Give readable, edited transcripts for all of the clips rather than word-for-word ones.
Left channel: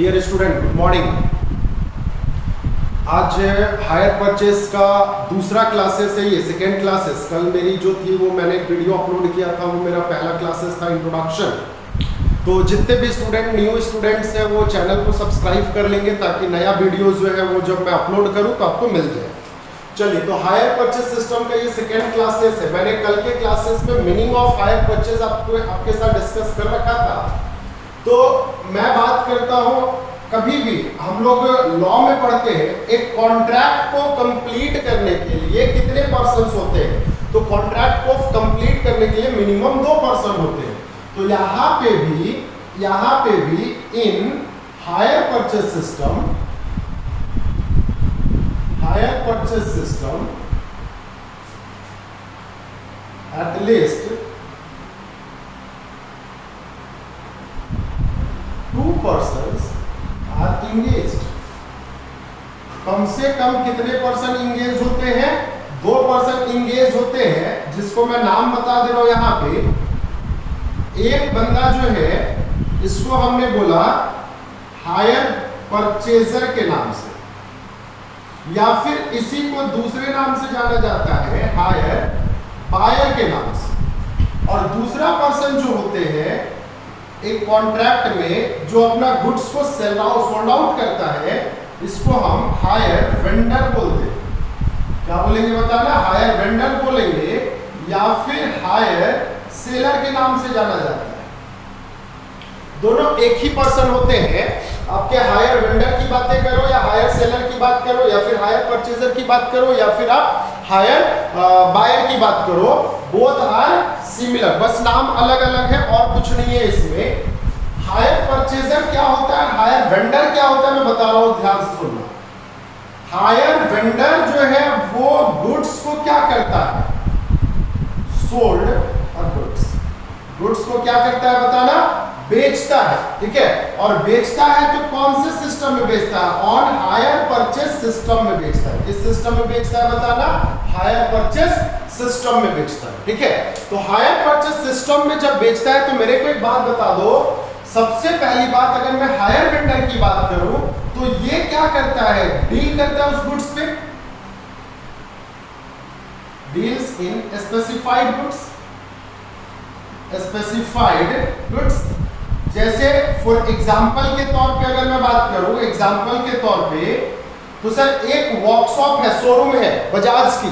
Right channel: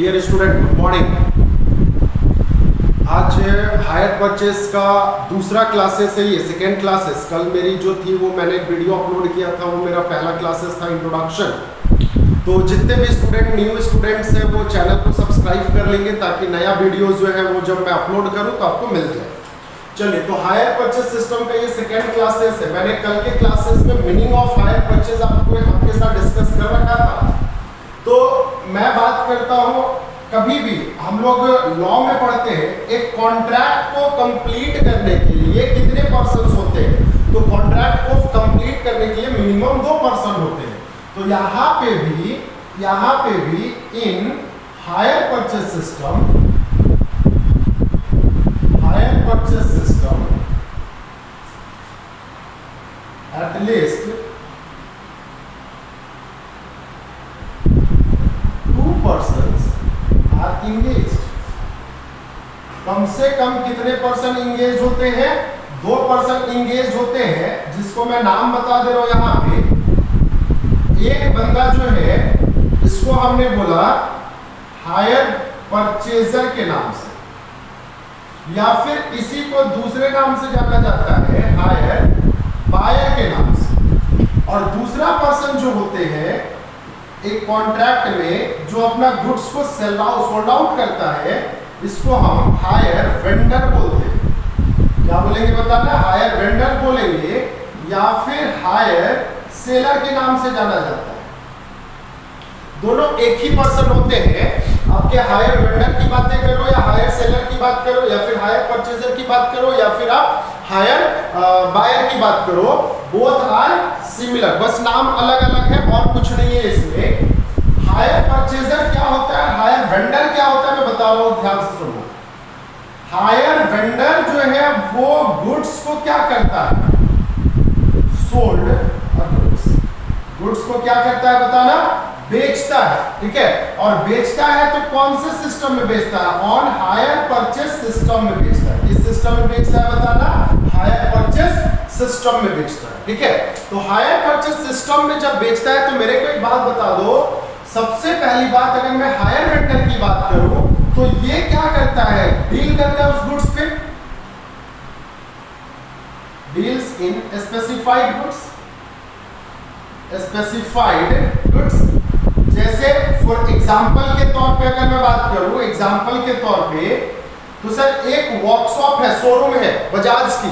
Dear student, good morning. आज hire purchase का दूसरा क्लासेस है, ये सेकेंड क्लासेस। कल मेरी जो थी वो मैंने एक वीडियो अपलोड किया था, वो मेरा पहला क्लासेस था, इंट्रोडक्शन। तो जितने भी स्टूडेंट न्यू स्टूडेंट्स हैं वो चैनल को सब्सक्राइब कर लेंगे ताकि नया वीडियो जो है वो जब मैं अपलोड करूँ तो आपको मिल जाए। चलिए, तो हायर परचेस सिस्टम का ये सेकेंड क्लासेस है। मैंने कल के क्लासेस में मीनिंग ऑफ हायर परचेस आपके साथ डिस्कस कर रखा था। तो मैं बात करता हूं, कभी भी हम लोग लॉ में पढ़ते हैं, एक कॉन्ट्रैक्ट को कंप्लीट करने के लिए कितने पर्सन्स होते हैं? तो कॉन्ट्रैक्ट को कंप्लीट करने के लिए मिनिमम 2 पर्सन होते हैं। तो यहाँ पे भी इन hire purchase system at least 2 persons are engaged। कम से कम कितने पर्सन इंगेज होते हैं? 2 पर्सन इंगेज होते हैं, जिसको मैं नाम बता दे रहा हूं यहां पे। एक बंदा जो है इसको हमने बोला हायर परचेजर के नाम से, या फिर इसी को दूसरे नाम से जाना जाता है हायर बायर के नाम से। और दूसरा पर्सन जो होते हैं एक कॉन्ट्रैक्ट में जो अपना गुड्स को सोल्ड आउट करता है, इसको हम हायर वेंडर बोलते हैं। क्या बोलेंगे बताना? हायर वेंडर बोलेंगे, या फिर हायर सेलर के नाम से जाना जाता है। दोनों एक ही पर्सन होते हैं। आपके हायर वेंडर की बातें करो या हायर सेलर की बात करो, या फिर हायर परचेजर की बात करो, या फिर आप हायर बायर की बात करो, बोथ आर सिमिलर, बस नाम अलग अलग है और कुछ नहीं है इसमें। हायर परचेजर क्या होता है, हायर वेंडर क्या होता है, मैं बता रहा हूं, ध्यान से सुनना। हायर वेंडर जो है वो गुड्स को क्या करता है? सोल्ड गुड्स को क्या करता है बताना? बेचता है। ठीक है, और बेचता है तो कौन से सिस्टम में बेचता है? ऑन हायर परचेस सिस्टम में बेचता है। किस सिस्टम में बेचता है बताना? हायर परचेस सिस्टम में बेचता है। ठीक है, तो हायर परचेस सिस्टम में जब बेचता है तो मेरे को एक बात बता दो। सबसे पहली बात, अगर मैं हायर वेंडर की बात करूं तो ये क्या करता है? डील करता है उस गुड्स पे, डील्स इन स्पेसिफाइड गुड्स। जैसे फॉर एग्जांपल के तौर पे अगर मैं बात करूं, एग्जांपल के तौर पे, तो सर एक वर्कशॉप है, शोरूम है बजाज की,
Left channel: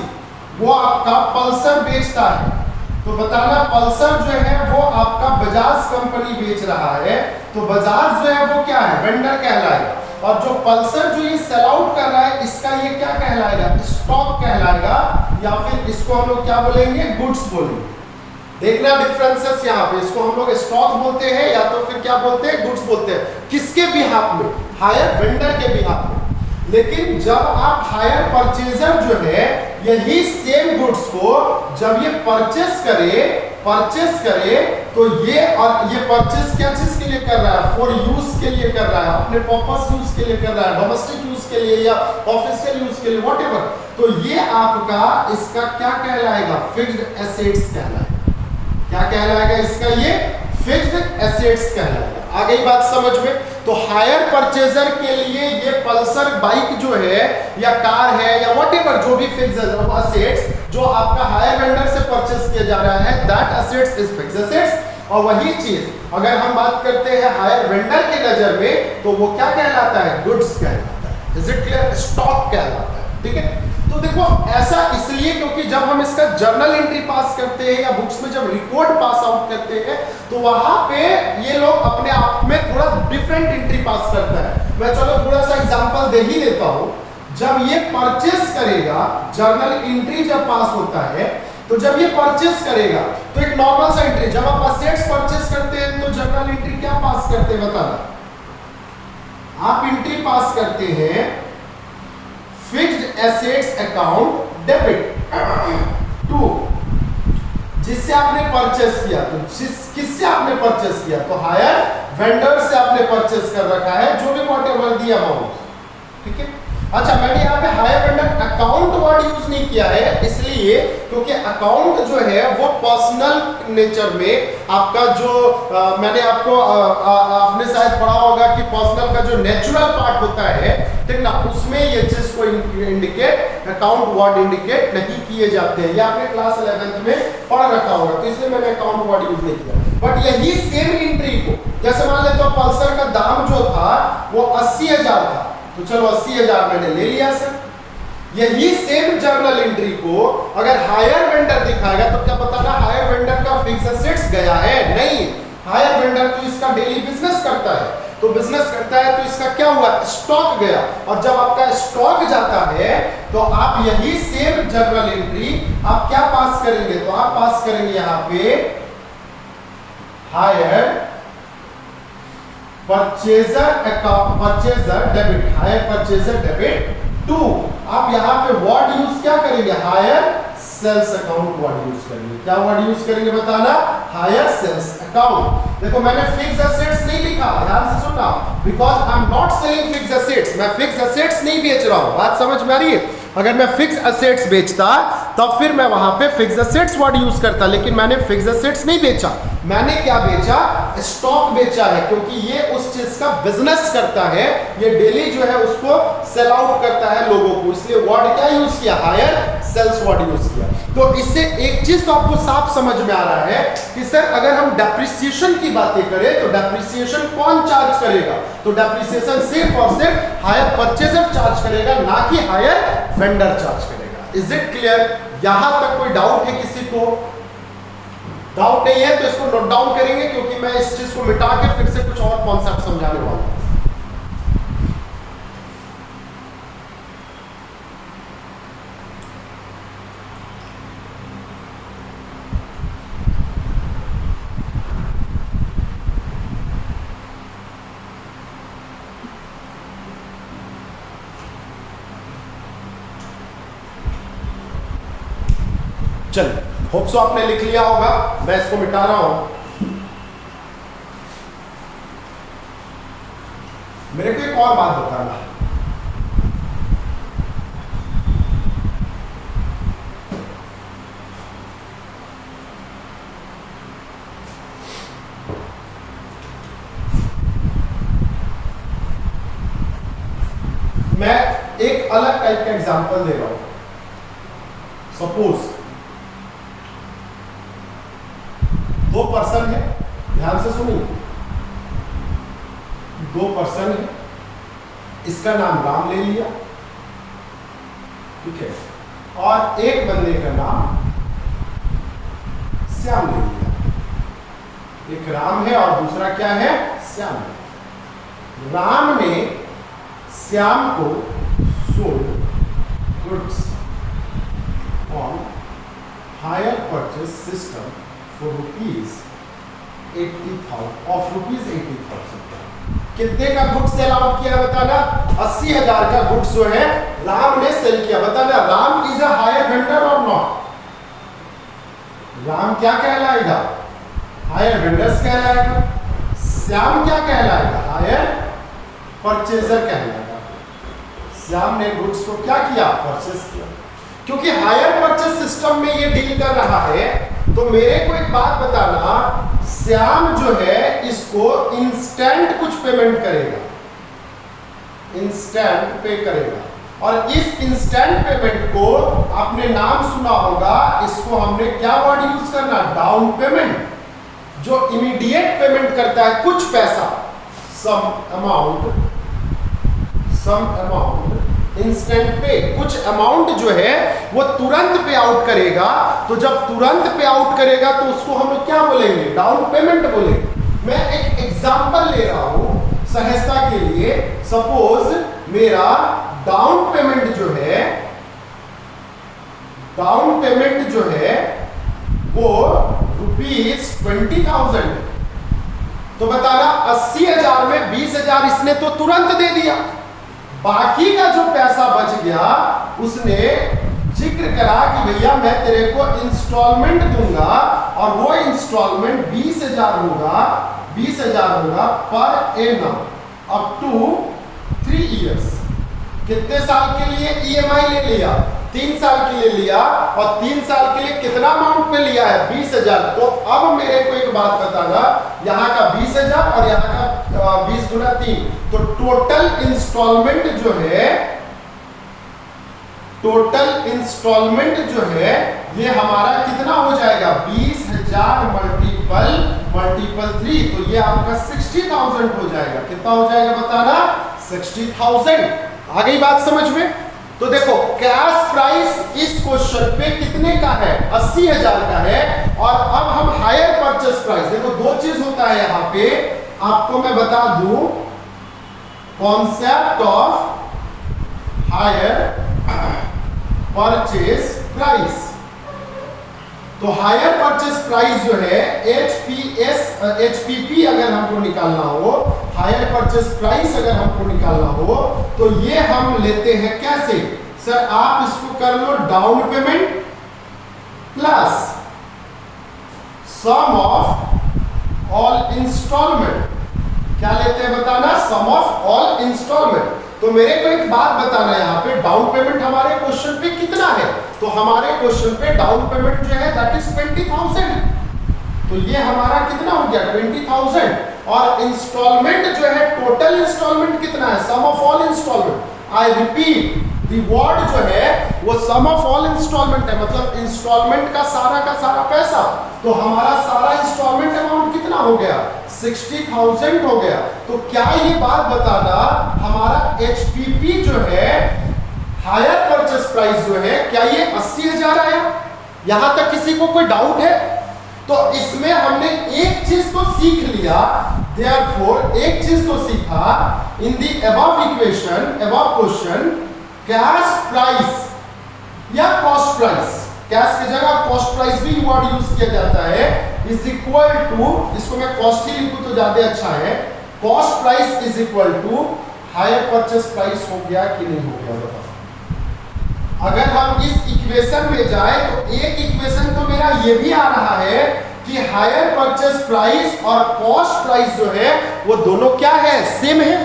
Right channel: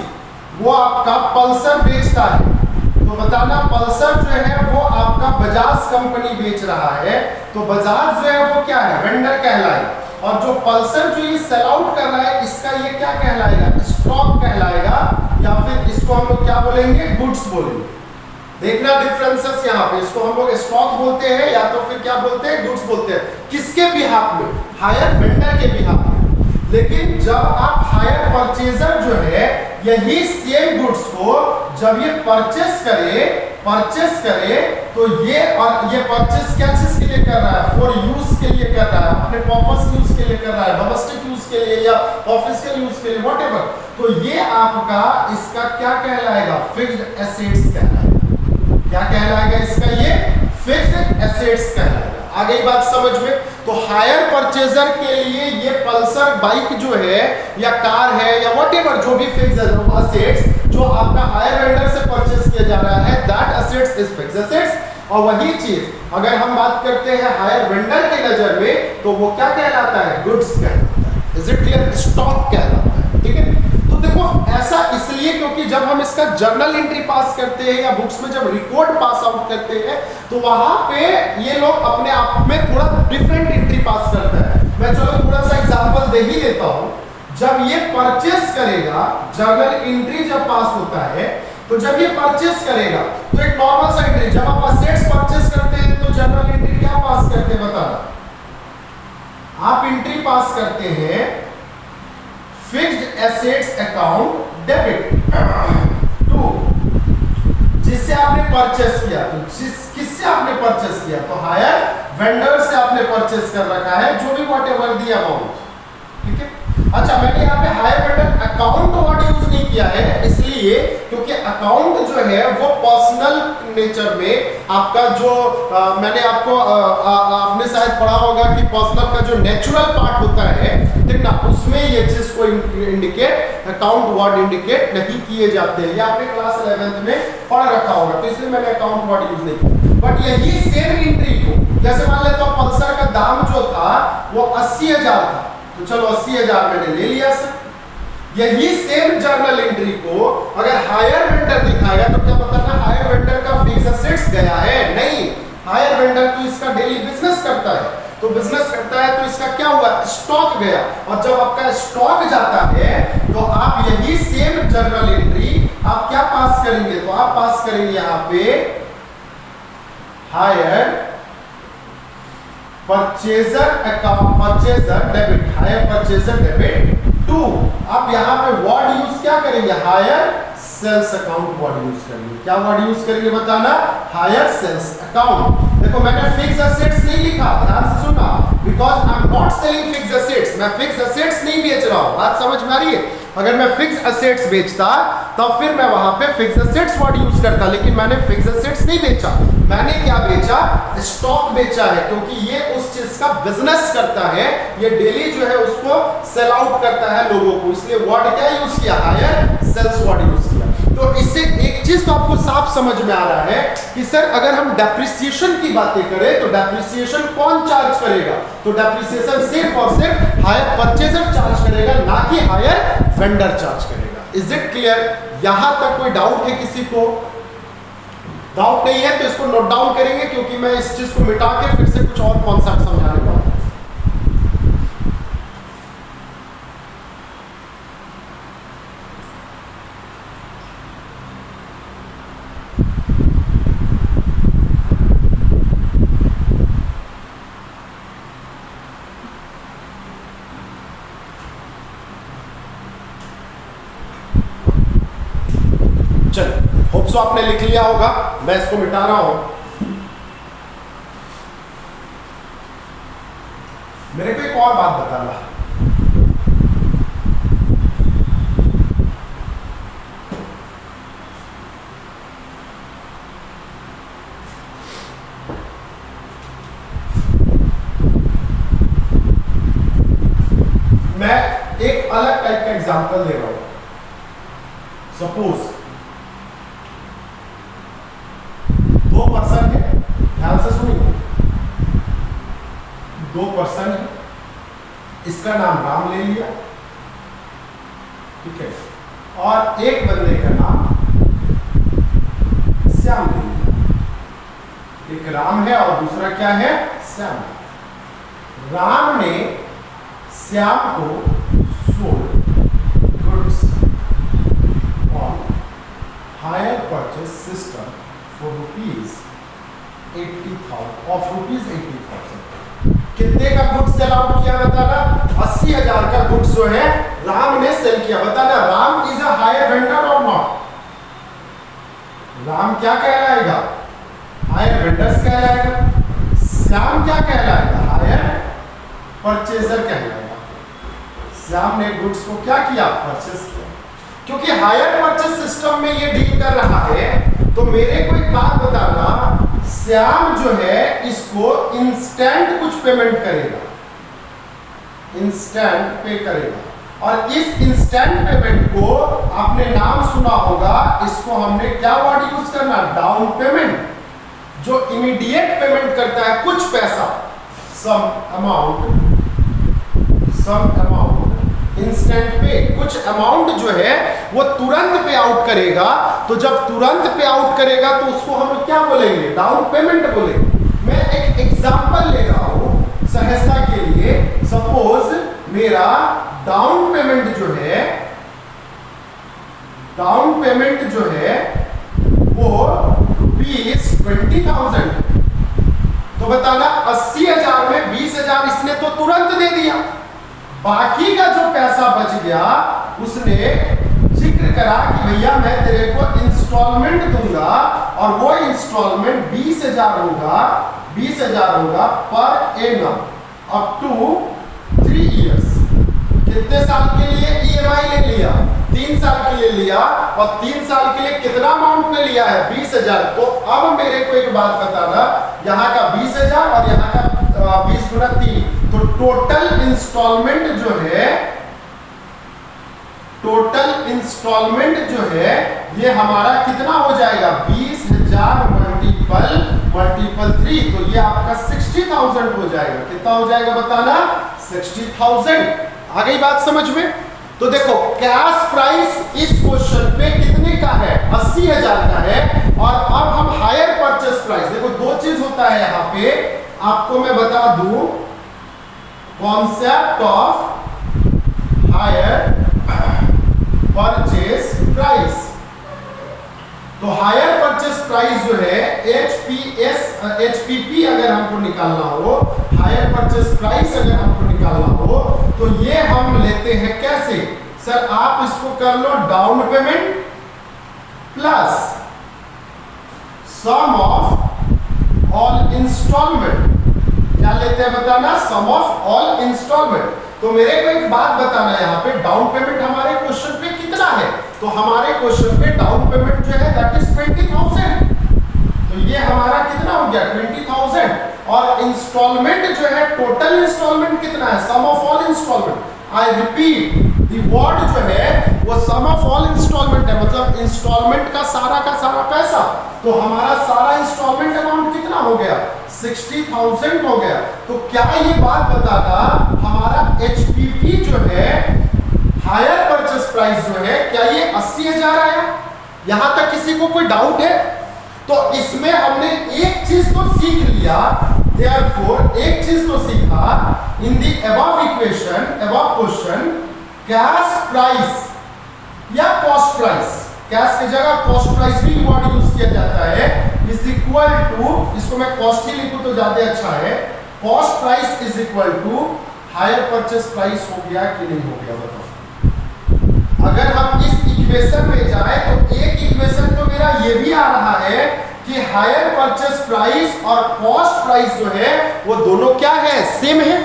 वो आपका पल्सर बेचता है। तो बताना पल्सर जो है वो आपका बजाज कंपनी बेच रहा है, तो बजाज जो है वो क्या है? वेंडर कहलाएगा। और जो पल्सर जो ये सेल आउट कर रहा है, इसका ये क्या कहलाएगा? स्टॉक कहलाएगा, या फिर इसको हम लोग क्या बोलेंगे? गुड्स बोलेंगे। देखना डिफरेंसेस यहाँ पे, इसको हम लोग स्टॉक बोलते हैं या तो फिर क्या बोलते हैं? गुड्स बोलते हैं। किसके बिहाफ में? हायर वेंडर के बिहाफ में। लेकिन जब आप हायर परचेजर जो है यही सेम गुड्स को जब ये परचेस करे तो ये, और ये परचेस क्या चीज के लिए कर रहा है? फॉर यूज के लिए कर रहा है, अपने पर्पस यूज के लिए कर रहा है, डोमेस्टिक यूज के लिए या ऑफिशियल यूज के लिए, व्हाटएवर। तो ये आपका इसका क्या कहलाएगा? फिक्स्ड एसेट्स कहलाएगा। क्या कहलाएगा इसका? ये फिक्स्ड एसेट्स कहलाएगा। आ गई बात समझ में? तो हायर परचेजर के लिए ये पल्सर बाइक जो है या कार है या व्हाटएवर, जो भी फिक्स्ड एसेट्स जो आपका हायर वेंडर से परचेस किया जा रहा है, that assets is fixed assets. और वही चीज अगर हम बात करते हैं हायर वेंडर के नजर में, तो वो क्या कहलाता है? गुड्स कहलाता है। Is it clear? स्टॉक कहलाता है। ठीक है, तो देखो ऐसा इसलिए क्योंकि जब हम इसका जर्नल एंट्री पास करते हैं या बुक्स में जब रिकॉर्ड पास आउट करते हैं, तो वहां पे ये लोग अपने आप में थोड़ा डिफरेंट एंट्री पास करता है। मैं चलो थोड़ा सा एग्जांपल दे ही देता हूं। जब ये परचेस करेगा, जर्नल एंट्री जब पास होता है, तो जब ये परचेस करेगा तो एक नॉर्मल सा एंट्री, जब आप असेट्स परचेस करते हैं तो जर्नल एंट्री क्या पास करते हैं बताना? आप एंट्री पास करते हैं fixed assets account debit to, जिससे आपने परचेस किया। तो किससे आपने परचेस किया? तो हायर वेंडर से आपने परचेस कर रखा है, जो भी व्हाटएवर दी अमाउंट। ठीक है, अच्छा, मैंने यहाँ पे hire vendor account word use नहीं किया है, इसलिए क्योंकि अकाउंट जो है वो पर्सनल नेचर में आपका जो मैंने आपको आपने शायद पढ़ा होगा कि पर्सनल का जो नेचुरल पार्ट होता है, ठीक ना, उसमें ये चीज को इंडिकेट अकाउंट वर्ड इंडिकेट नहीं किए जाते हैं। ये आपने क्लास 11th में पढ़ रखा होगा, तो इसलिए मैंने अकाउंट वर्ड यूज नहीं किया। बट यही सेम एंट्री को, जैसे मान लेते हो पल्सर का दाम जो था वो 80,000 था, तो चलो 80,000 मैंने ले लिया सर। यही सेम जर्नल एंट्री को अगर हायर वेंडर दिखाएगा तो क्या बताना, हायर वेंडर का फिक्स एसेट्स गया है? नहीं, हायर वेंडर तो इसका डेली बिजनेस करता है, तो बिजनेस करता है तो इसका क्या हुआ, स्टॉक गया। और जब आपका स्टॉक जाता है तो आप यही सेम जर्नल एंट्री आप क्या पास करेंगे, तो आप पास करेंगे यहां पे hire purchaser account, purchaser debit, hire purchaser debit to, आप यहां पे वर्ड यूज क्या करेंगे, hire sales account word use करेंगे। क्या वर्ड यूज करेंगे बताना, हायर सेल्स अकाउंट। देखो मैंने फिक्स एसेट्स नहीं लिखा, ध्यान से सुनना, because I am not selling fix assets, मैं फिक्स एसेट्स नहीं बेच रहा हूं, बात समझ में आ रही है। अगर मैं फिक्स एसेट्स बेचता तब फिर मैं वहां पे फिक्स एसेट्स वर्ड यूज करता, लेकिन मैंने फिक्स एसेट्स नहीं बेचा, मैंने क्या बेचा, स्टॉक बेचा है, क्योंकि ये उस चीज का बिजनेस करता है, ये डेली जो है उसको सेल आउट करता है लोगों को, इसलिए वर्ड क्या यूज किया, हायर सेल्स वर्ड यूज किया। तो इससे एक चीज तो आपको साफ समझ में आ रहा है कि सर अगर हम डेप्रिसिएशन की बातें करें तो डेप्रिसिएशन कौन चार्ज करेगा, तो डेप्रिसिएशन सिर्फ और सिर्फ हायर परचेजर चार्ज करेगा, ना कि हायर वेंडर चार्ज करेगा। Is it clear? यहां तक कोई डाउट है किसी को? डाउट नहीं है तो इसको नोट डाउन करेंगे, क्योंकि मैं इस चीज को मिटा के फिर से कुछ और कॉन्सेप्ट समझाने वाला हूं। चलो, होप सो आपने लिख लिया होगा, मैं इसको मिटा रहा हूं। मेरे को एक और बात बताना, मैं एक अलग टाइप का एग्जांपल दे रहा हूं। सपोज 2 पर्सन है, ध्यान से सुनिए, 2 पर्सन है, इसका नाम राम ले लिया, ठीक है, और एक बंदे का नाम श्याम ले लिया। एक राम है और दूसरा क्या है, श्याम। राम ने श्याम को sold goods on hire purchase system for rupees 80,000 of rupees 80,000। कितने का गुड्स सेल आउट किया बताना, 80,000 का गुड्स जो है राम ने सेल किया। बताना Ram is a higher vendor और नॉट? राम क्या कहलाएगा, हायर वेंडर्स कहलाएगा। श्याम क्या कहलाएगा, हायर परचेजर कहलाएगा। श्याम ने गुड्स को क्या किया, परचेज किया। क्योंकि हायर परचेज सिस्टम में ये डील कर रहा है, तो मेरे को एक बात बताना, श्याम जो है इसको इंस्टेंट कुछ पेमेंट करेगा, इंस्टेंट पे करेगा, और इस इंस्टेंट पेमेंट को आपने नाम सुना होगा, इसको हमने क्या वर्ड यूज करना, डाउन पेमेंट। जो इमीडिएट पेमेंट करता है कुछ पैसा, सम अमाउंट इंस्टेंट पे, कुछ अमाउंट जो है वो तुरंत पे आउट करेगा। तो जब तुरंत पे आउट करेगा तो उसको हम लोग क्या बोलेंगे, डाउन पेमेंट बोलेंगे। मैं एक एग्जांपल ले रहा हूं सहजता के लिए। सपोज मेरा डाउन पेमेंट जो है वो ₹20,000। तो बताना 80,000 में 20,000 इसने तो तुरंत दे दिया, बाकी का जो पैसा बच गया उसने जिक्र करा कि भैया मैं तेरे को इंस्टॉलमेंट दूंगा, और वो इंस्टॉलमेंट 20,000 होगा per annum up to 3 years. कितने साल के लिए ईएमआई ले लिया? 3 साल के लिए लिया, और 3 साल के लिए कितना अमाउंट में लिया है? 20,000। तो अब मेरे को एक बात बताना, यहाँ का 20,000 और यहाँ का 20 गुना 3, तो टोटल इंस्टॉलमेंट जो है ये हमारा कितना हो जाएगा? 20,000 मल्टीपल 3, तो ये आपका 60,000 हो जाएगा। कितना हो जाएगा बताना? 60,000। आ गई बात समझ में? तो देखो कैश प्राइस इस क्वेश्चन पे कितने का है? 80,000 का है। और अब हम हायर परचेस प्राइस, देखो दो चीज होता है यहां पे, आपको मैं बता दूं, concept of higher purchase price. तो हायर परचेस प्राइस जो है एचपीपी अगर हमको निकालना हो, हायर परचेस प्राइस अगर हमको निकालना हो, तो ये हम लेते हैं कैसे? सर आप इसको कर लो down payment plus sum of all instalment. क्या लेते हैं बताना? Sum of all instalment. तो मेरे को एक बात बताना है, यहाँ पे डाउन पेमेंट हमारे क्वेश्चन पे कितना है? तो हमारे क्वेश्चन पे डाउन पेमेंट जो है दैट इज 20,000। तो ये हमारा कितना हो गया? 20,000। और इंस्टॉलमेंट जो है, टोटल इंस्टॉलमेंट कितना है? Sum of all instalment. I repeat, the word जो है वो सम ऑफ ऑल इंस्टॉलमेंट है, मतलब इंस्टॉलमेंट का सारा पैसा। तो हमारा सारा इंस्टॉलमेंट अमाउंट कितना हो गया? 60,000 हो गया। तो क्या ये बात बताना, हमारा एचपीपी जो है, हायर परचेस प्राइस जो है, क्या ये 80,000 आया? यहां तक किसी को कोई डाउट है? तो इसमें हमने एक चीज तो सीख लिया, देयरफॉर एक चीज तो सीखा, in the above equation, above question, cash price या कॉस्ट प्राइस, कैश की जगह कॉस्ट प्राइस भी वर्ड यूज किया जाता है, इज इक्वल टू, इसको मैं कॉस्ट ही लिखूं तो ज्यादा अच्छा है, cost price is equal to hire purchase price. हो गया कि नहीं हो गया बताओ? अगर हम इस इक्वेशन में जाए तो एक इक्वेशन तो मेरा ये भी आ रहा है कि हायर परचेस प्राइस और कॉस्ट प्राइस जो है वो दोनों क्या है? सेम है,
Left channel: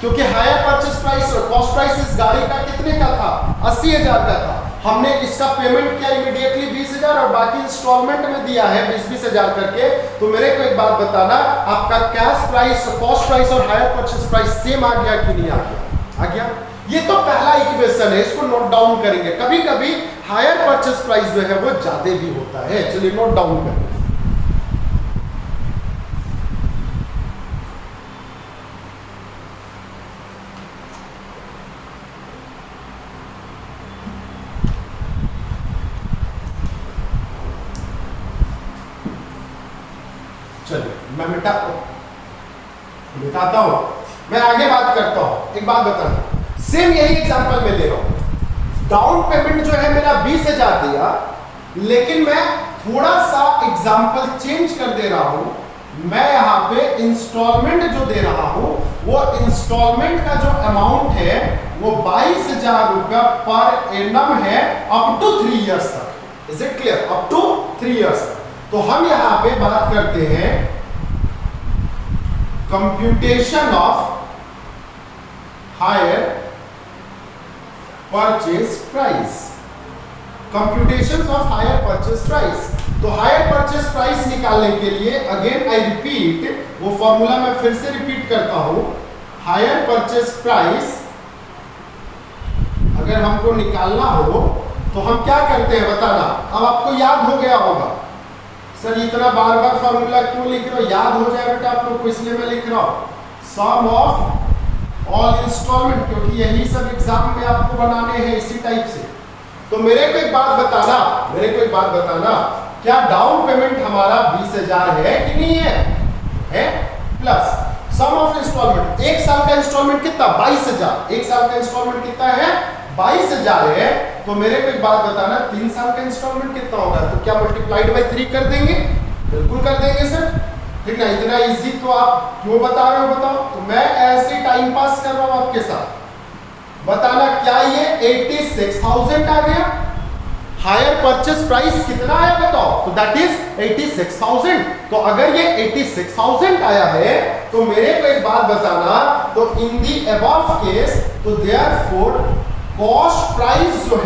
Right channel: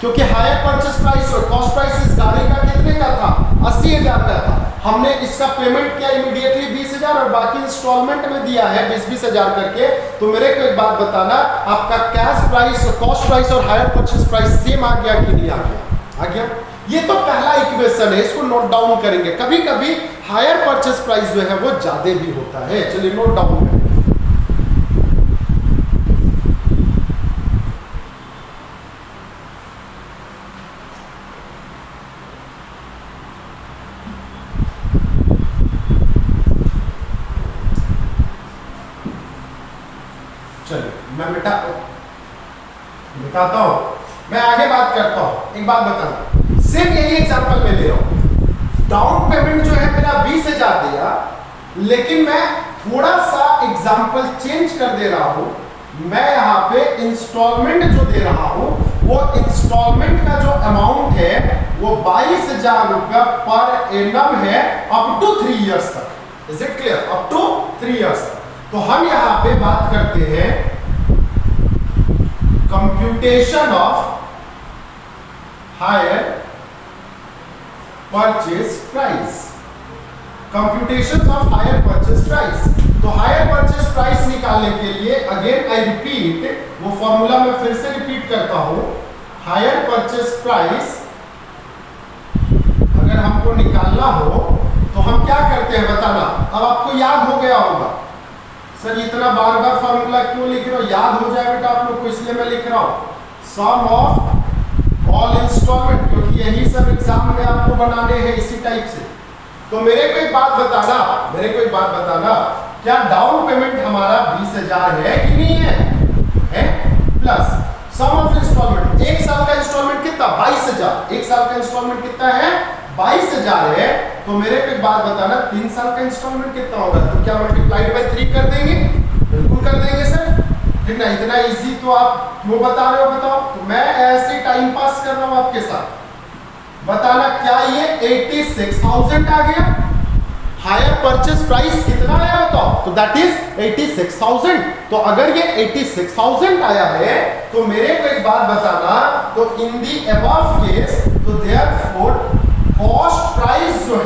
क्योंकि हायर परचेस प्राइस और कॉस्ट प्राइस इस गाड़ी का कितने का था? 80,000 का था। हमने इसका पेमेंट किया इमीडिएटली 20,000 और बाकी इंस्टॉलमेंट में दिया है 20,000 करके। तो मेरे को एक बात बताना, आपका कैश प्राइस, कॉस्ट प्राइस और हायर परचेस प्राइस सेम आ गया कि नहीं आ गया? आ गया। ये तो पहला इक्वेशन है, इसको नोट डाउन करेंगे। कभी कभी हायर परचेस प्राइस जो है वो ज्यादा भी होता है, चलिए नोट डाउन करें। चलिए मैं मिटाता हूं, मैं आगे बात करता हूं। एक बात बताना, सेम यही एग्जांपल में ले रहा हूं। डाउन पेमेंट जो है मेरा 20,000 दिया, लेकिन मैं थोड़ा सा एग्जांपल चेंज कर दे रहा हूं। मैं यहां पे इंस्टॉलमेंट जो दे रहा हूं, वो इंस्टॉलमेंट का जो अमाउंट है वो 22,000 रुपया पर एनम है, अप टू 3 इयर्स तक। Is it clear? Up to 3 years तक। तो हम यहां पे बात करते हैं computation of hire purchase price, computation of hire purchase price. तो हायर परचेज प्राइस निकालने के लिए अगेन आई रिपीट, वो फॉर्मूला मैं फिर से रिपीट करता हूं। हायर परचेज प्राइस अगर हमको निकालना हो तो हम क्या करते हैं बताना? अब आपको याद हो गया होगा, सर इतना बार बार फॉर्मूला क्यों लिख रहे हो? याद हो जाए बेटा आप लोग को, इसलिए मैं लिख रहा हूं सम ऑफ ऑल इंस्टॉलमेंट, क्योंकि यही सब एग्जाम में आपको बनाने हैं इसी टाइप से। तो मेरे को एक बात बताना, क्या डाउन पेमेंट हमारा 20,000 है कि नहीं है? है। प्लस सम ऑफ इंस्टॉलमेंट, एक साल का इंस्टॉलमेंट कितना? 22,000। एक साल का इंस्टॉलमेंट कितना है? 22,000 है। तो मेरे को एक बात बताना, 3 साल का इंस्टॉलमेंट कितना होगा? तो क्या मल्टीप्लाइड बाय 3 कर देंगे? बिल्कुल कर देंगे सर, ठीक ना? इतना इजी तो आप क्यों बता रहे हो बताओ? तो मैं ऐसे टाइम पास कर रहा हूं आपके साथ। बताना क्या ये 86,000 आ गया? हायर परचेस प्राइस कितना आया बताओ? तो दैट इज 86,000। तो अगर ये 86,000 आया है तो मेरे को एक बात बताना, तो इन दी अबव केस, तो देयरफॉर कॉस्ट प्राइस जो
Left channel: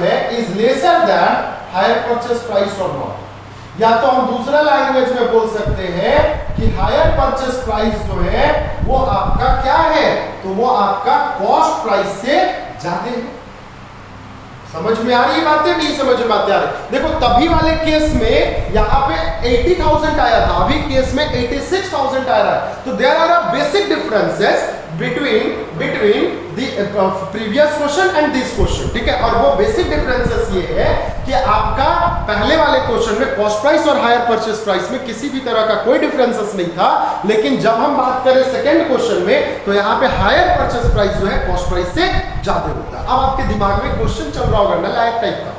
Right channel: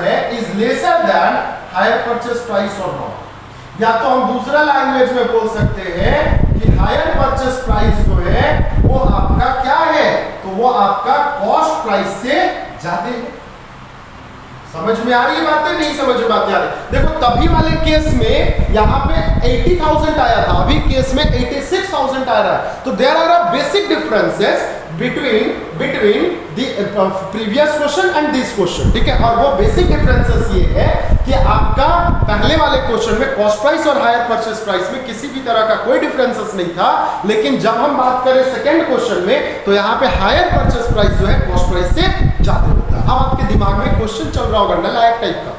है is lesser than higher purchase price और नॉट। या तो हम दूसरा लैंग्वेज में बोल सकते हैं कि हायर परचेस प्राइस जो है वो आपका क्या है, तो वो आपका कॉस्ट प्राइस से ज्यादा है। समझ में आ रही है बातें, नहीं समझ में आती आ रही? देखो तभी वाले केस में यहाँ पे 80,000 आया था, अभी केस में 86,000 आ रहा है। तो there are a basic differences between the previous question and this question, ठीक है। और वो बेसिक डिफरेंसेस ये है कि आपका पहले वाले क्वेश्चन में कॉस्ट प्राइस और हायर परचेस प्राइस में किसी भी तरह का कोई डिफरेंसेस नहीं था, लेकिन जब हम बात करें सेकंड क्वेश्चन में तो यहाँ पे हायर परचेस प्राइस जो है कॉस्ट प्राइस से ज्यादा होता है। अब आपके दिमाग में क्वेश्चन चल रहा होगा नलायक टाइप का,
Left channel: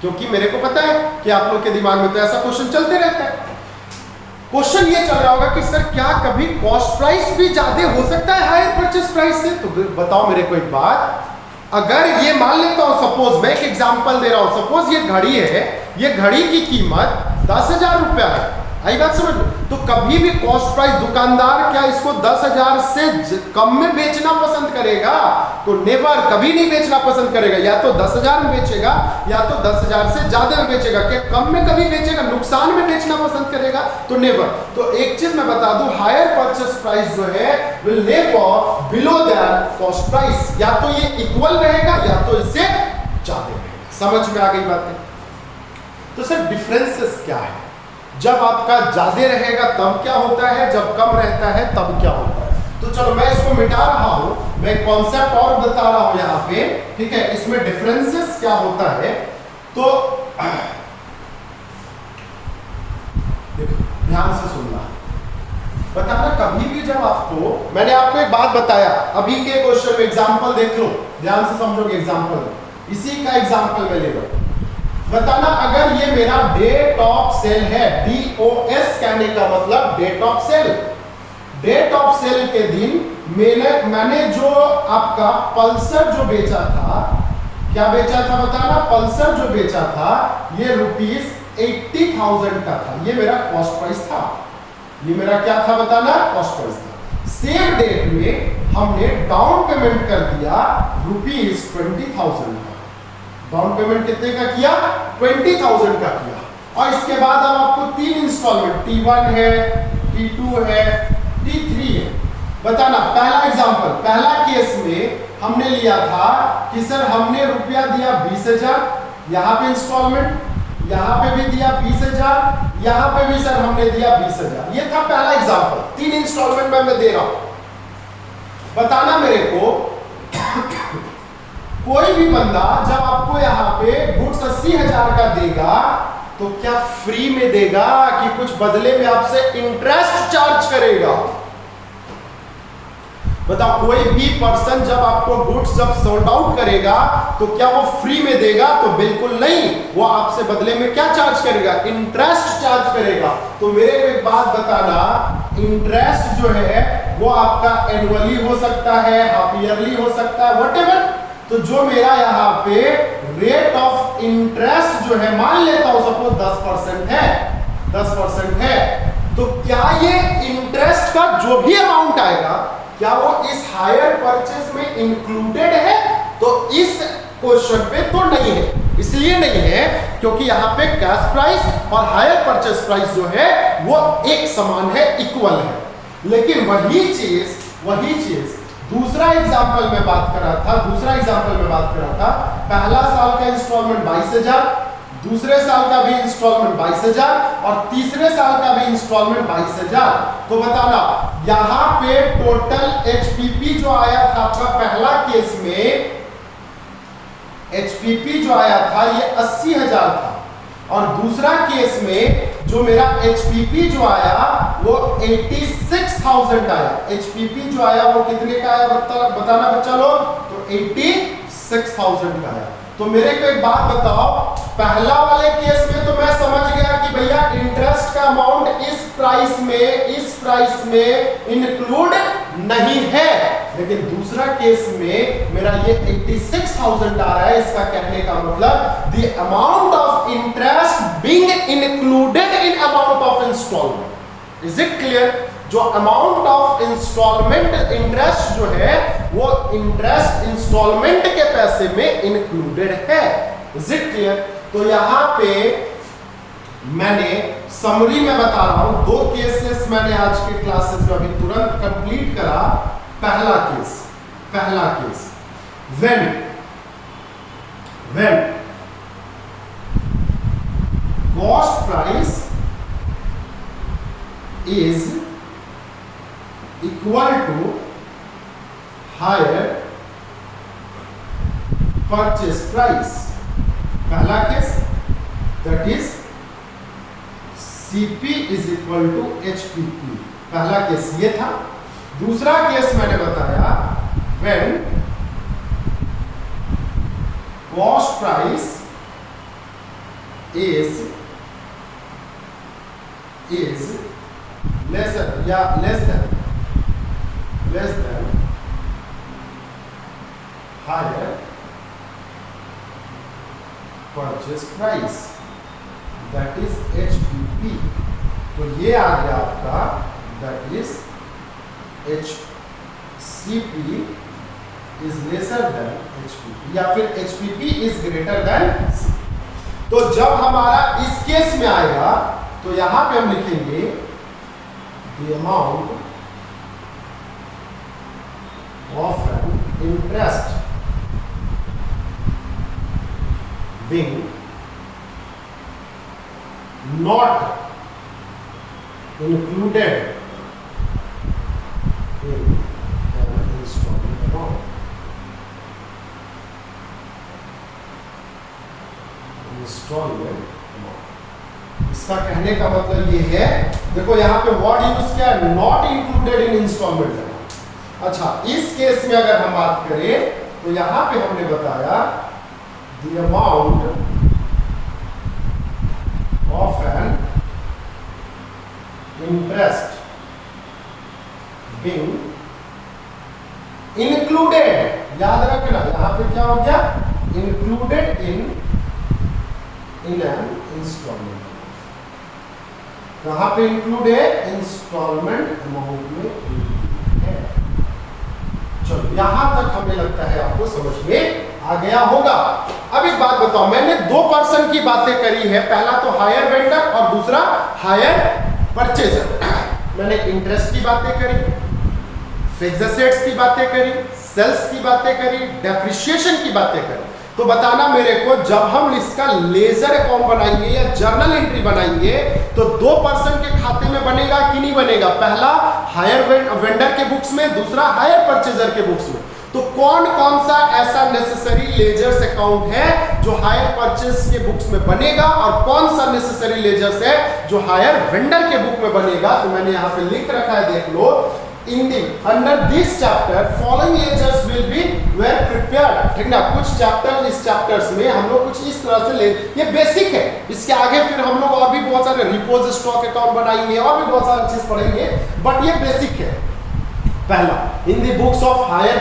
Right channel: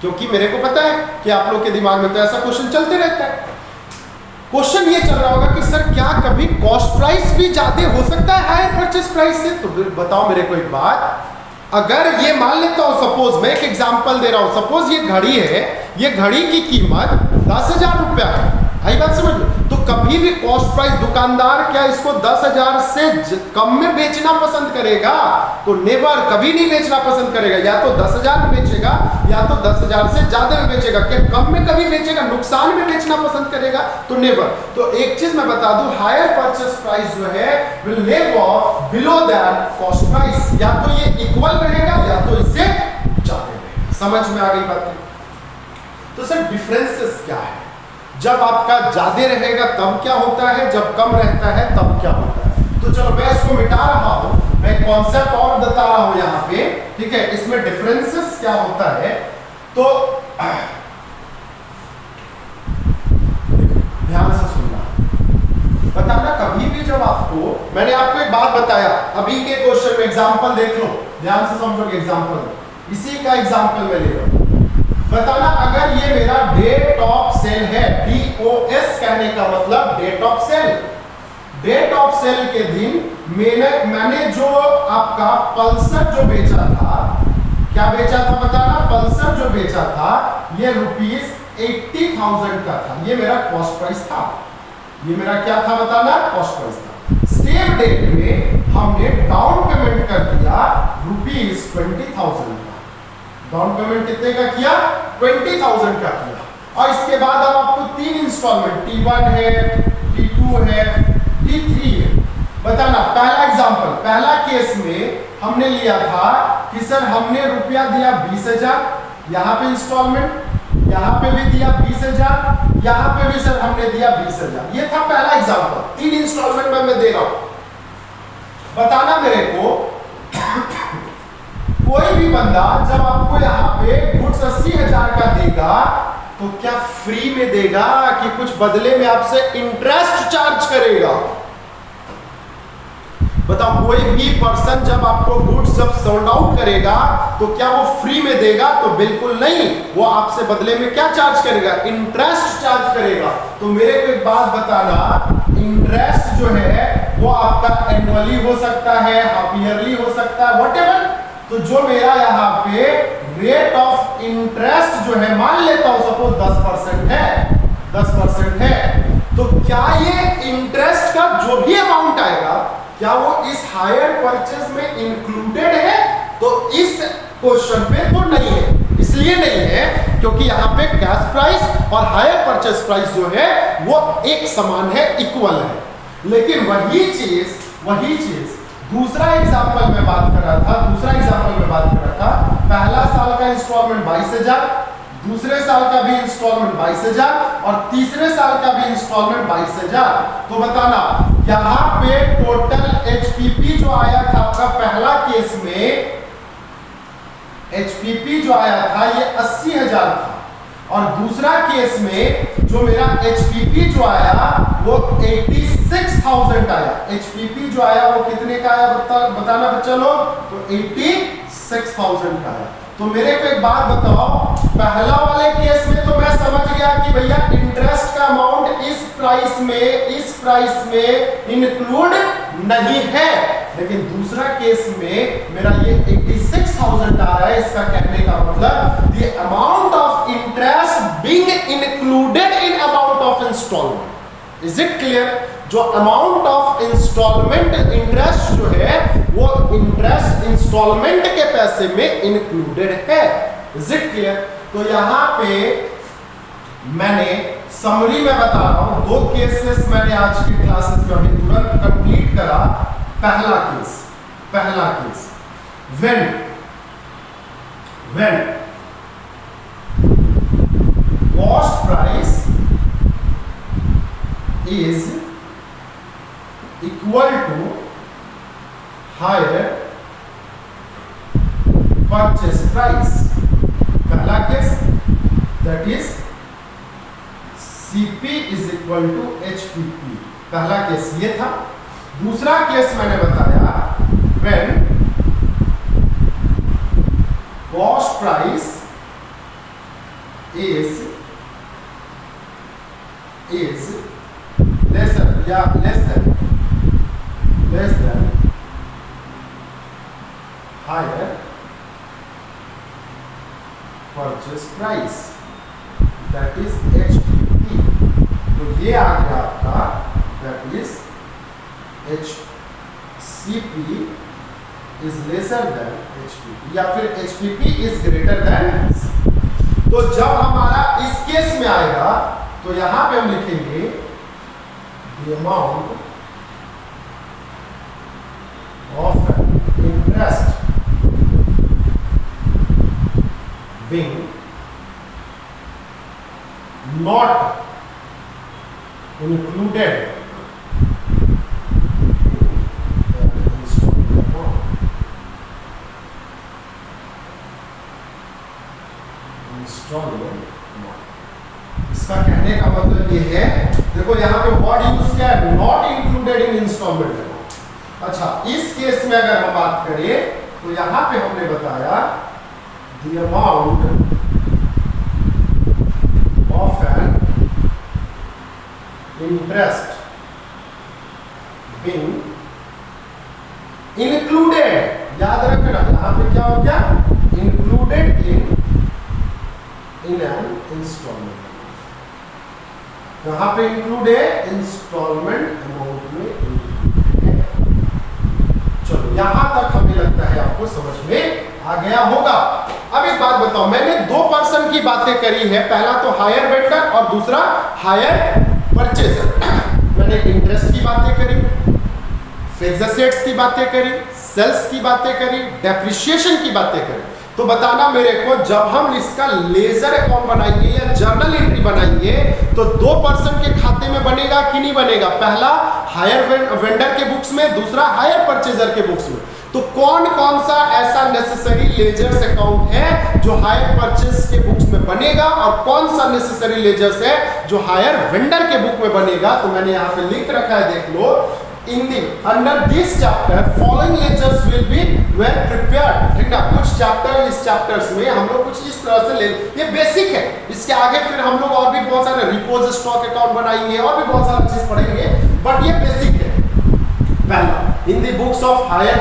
क्योंकि मेरे को पता है कि आप लोग के दिमाग में तो ऐसा क्वेश्चन चलते रहता है। क्वेश्चन ये चल रहा होगा कि सर क्या कभी कॉस्ट प्राइस भी ज्यादा हो सकता है हायर परचेस प्राइस से? तो बताओ मेरे को एक बात, अगर ये मान लेता हूं, सपोज मैं एक एग्जांपल दे रहा हूं, सपोज ये घड़ी है, ये घड़ी की कीमत 10,000 रुपया है, आई बात समझ लो। तो कभी भी कॉस्ट प्राइस दुकानदार क्या इसको 10,000 से कम में बेचना पसंद करेगा? तो नेवर, कभी नहीं बेचना पसंद करेगा। या तो 10,000 में बेचेगा या तो 10,000 से ज्यादा में बेचेगा। क्या कम में कभी बेचेगा? नुकसान में बेचना पसंद करेगा? तो नेवर। तो एक चीज मैं बता दूं, हायर परचेस प्राइस जो है will never below that cost price. या तो ये इक्वल रहेगा या तो इससे ज्यादा रहेगा। समझ में आ गई बात? तो सर डिफरेंसेस क्या है? जब आपका ज्यादा रहेगा तब क्या होता है, जब कम रहता है तब क्या होता है? तो चलो मैं इसको मिटा रहा हूं, मैं कॉन्सेप्ट और बता रहा हूं यहाँ पे, ठीक है। इसमें डिफरेंसेस क्या होता है, तो ध्यान से सुनना, बताना कभी भी जब आपको, मैंने आपको एक बात बताया अभी के क्वेश्चन में, एग्जांपल देख लो, ध्यान से समझोगे एग्जांपल, इसी का एग्जांपल मैं ले रहा हूं। बताना अगर ये मेरा डेट ऑफ सेल है, DOS कहने का मतलब date of sale, date of sale के दिन मैंने जो आपका पल्सर जो बेचा था, क्या बेचा था बताना, पल्सर जो बेचा था ये ₹80,000 का था, ये मेरा कॉस्ट प्राइस था। ये मेरा क्या था बताना, कॉस्ट प्राइस था। सेम डेट में हमने डाउन पेमेंट कर दिया ₹20,000 का। डाउन पेमेंट कितने का किया? 20,000 का किया। और इसके बाद अब आपको 3 इंस्टॉलमेंट, T1 है, T2 है, T3 है। बताना पहला एग्जांपल, पहला केस में हमने लिया था कि सर हमने रुपया दिया 20,000, यहां पे इंस्टॉलमेंट, यहां पे भी दिया 20,000, यहां पे भी सर हमने दिया 20,000। ये था पहला एग्जांपल, 3 इंस्टॉलमेंट में मैं दे रहा हूं। बताना मेरे को कोई भी बंदा जब आपको यहाँ पे गुड्स 80,000 का देगा तो क्या फ्री में देगा कि कुछ बदले में आपसे इंटरेस्ट चार्ज करेगा? बताओ, कोई भी पर्सन जब आपको गुड्स जब सोल्ड आउट करेगा तो क्या वो फ्री में देगा? तो बिल्कुल नहीं, वो आपसे बदले में क्या चार्ज करेगा? इंटरेस्ट चार्ज करेगा। तो मेरे को एक बात बताना, इंटरेस्ट जो है वो आपका एनुअली हो सकता है, हाफ ईयरली हो सकता है, व्हाटएवर। तो जो मेरा यहाँ पे रेट ऑफ इंटरेस्ट जो है, मान लेता हूं सपोज 10% है, 10% है, तो क्या ये इंटरेस्ट का जो भी अमाउंट आएगा क्या वो इस हायर परचेज में इंक्लूडेड है? तो इस क्वेश्चन पे तो नहीं है। इसलिए नहीं है क्योंकि यहाँ पे कैश प्राइस और हायर परचेज प्राइस जो है वो एक समान है, इक्वल है। लेकिन वही चीज दूसरा एग्जांपल में बात कर रहा था, पहला साल का इंस्टॉलमेंट 22,000, दूसरे साल का भी इंस्टॉलमेंट 22,000 और तीसरे साल का भी इंस्टॉलमेंट 22,000। तो बताना यहां पे टोटल HPP जो आया था आपका पहला केस में, HPP जो आया था ये 80,000 था, और दूसरा केस में जो मेरा HPP जो आया वो 86,000 आया। HPP जो आया वो कितने का आया बताना बच्चा लोग? तो 86,000 का आया। तो मेरे को एक बात बताओ, पहला वाले केस में तो मैं समझ गया कि भैया इंटरेस्ट का अमाउंट इस प्राइस में इंक्लूड नहीं है, लेकिन दूसरा केस में मेरा ये 86,000 आ रहा है। इसका कहने का मतलब the amount of interest being included in amount of installment. Is it clear? जो अमाउंट ऑफ इंस्टॉलमेंट इंटरेस्ट जो है वो इंटरेस्ट इंस्टॉलमेंट के पैसे में इंक्लूडेड है। Is it clear? तो यहां पे मैंने समरी में बता रहा हूं, 2 केसेस मैंने आज की क्लासेस में अभी तुरंत कंप्लीट करा। पहला case when cost price is equal to higher purchase price। पहला case that is CP is equal to HPP। पहला केस ये था। दूसरा केस मैंने बताया when cost price is less than higher purchase price, that is HPP। तो ये आ गया आपका that is HCP is lesser than HPP या फिर HPP is greater than। तो जब हमारा इस केस में आएगा तो यहां पे हम लिखेंगे the amount of an interest being not included in an installment amount। इसका कहने का मतलब ये है, देखो यहां पे वर्ड यूज किया है नॉट इंक्लूडेड इन इंस्टॉलमेंट। अच्छा, इस केस में अगर हम बात करें तो यहां पे हमने बताया the amount of an interest being included. याद रखना यहां पे क्या हो गया, इंक्लूडेड इन एन इंस्टॉलमेंट। यहां पे इंक्लूड है इंस्टॉलमेंट अमाउंट में। चलो यहां तक हमें लगता है आपको समझ में आ गया होगा। अब एक बात बताओ, मैंने 2 पर्सन की बातें करी है, पहला तो हायर वेंडर और दूसरा हायर परचेजर। मैंने इंटरेस्ट की बातें करी, फिक्स्ड एसेट्स की बातें करी, सेल्स की बातें करी, डेप्रिसिएशन की बातें करी। तो बताना मेरे को, जब हम इसका लेजर अकाउंट बनाएंगे या जर्नल एंट्री बनाएंगे तो 2 पर्सन के खाते में बनेगा कि नहीं बनेगा? पहला हायर वेंडर के बुक्स में, दूसरा हायर परचेजर के बुक्स में। तो कौन कौन सा ऐसा नेसेसरी लेजर्स अकाउंट है जो हायर परचेज के बुक्स में बनेगा और कौन सा नेसेसरी लेजर्स है जो हायर वेंडर के बुक में बनेगा? तो मैंने यहां पे लिख रखा है, देख लो। under this chapter following ledgers will be well prepared। ठीक ना, कुछ चैप्टर, इस चैप्टर्स में हम लोग कुछ इस तरह से ले, ये बेसिक है। इसके आगे फिर हम लोग और भी बहुत सारे रिपोज स्टॉक अकाउंट बनाएंगे और भी बहुत सारी चीज पढ़ेंगे, बट ये बेसिक है। पहला, in the books of hire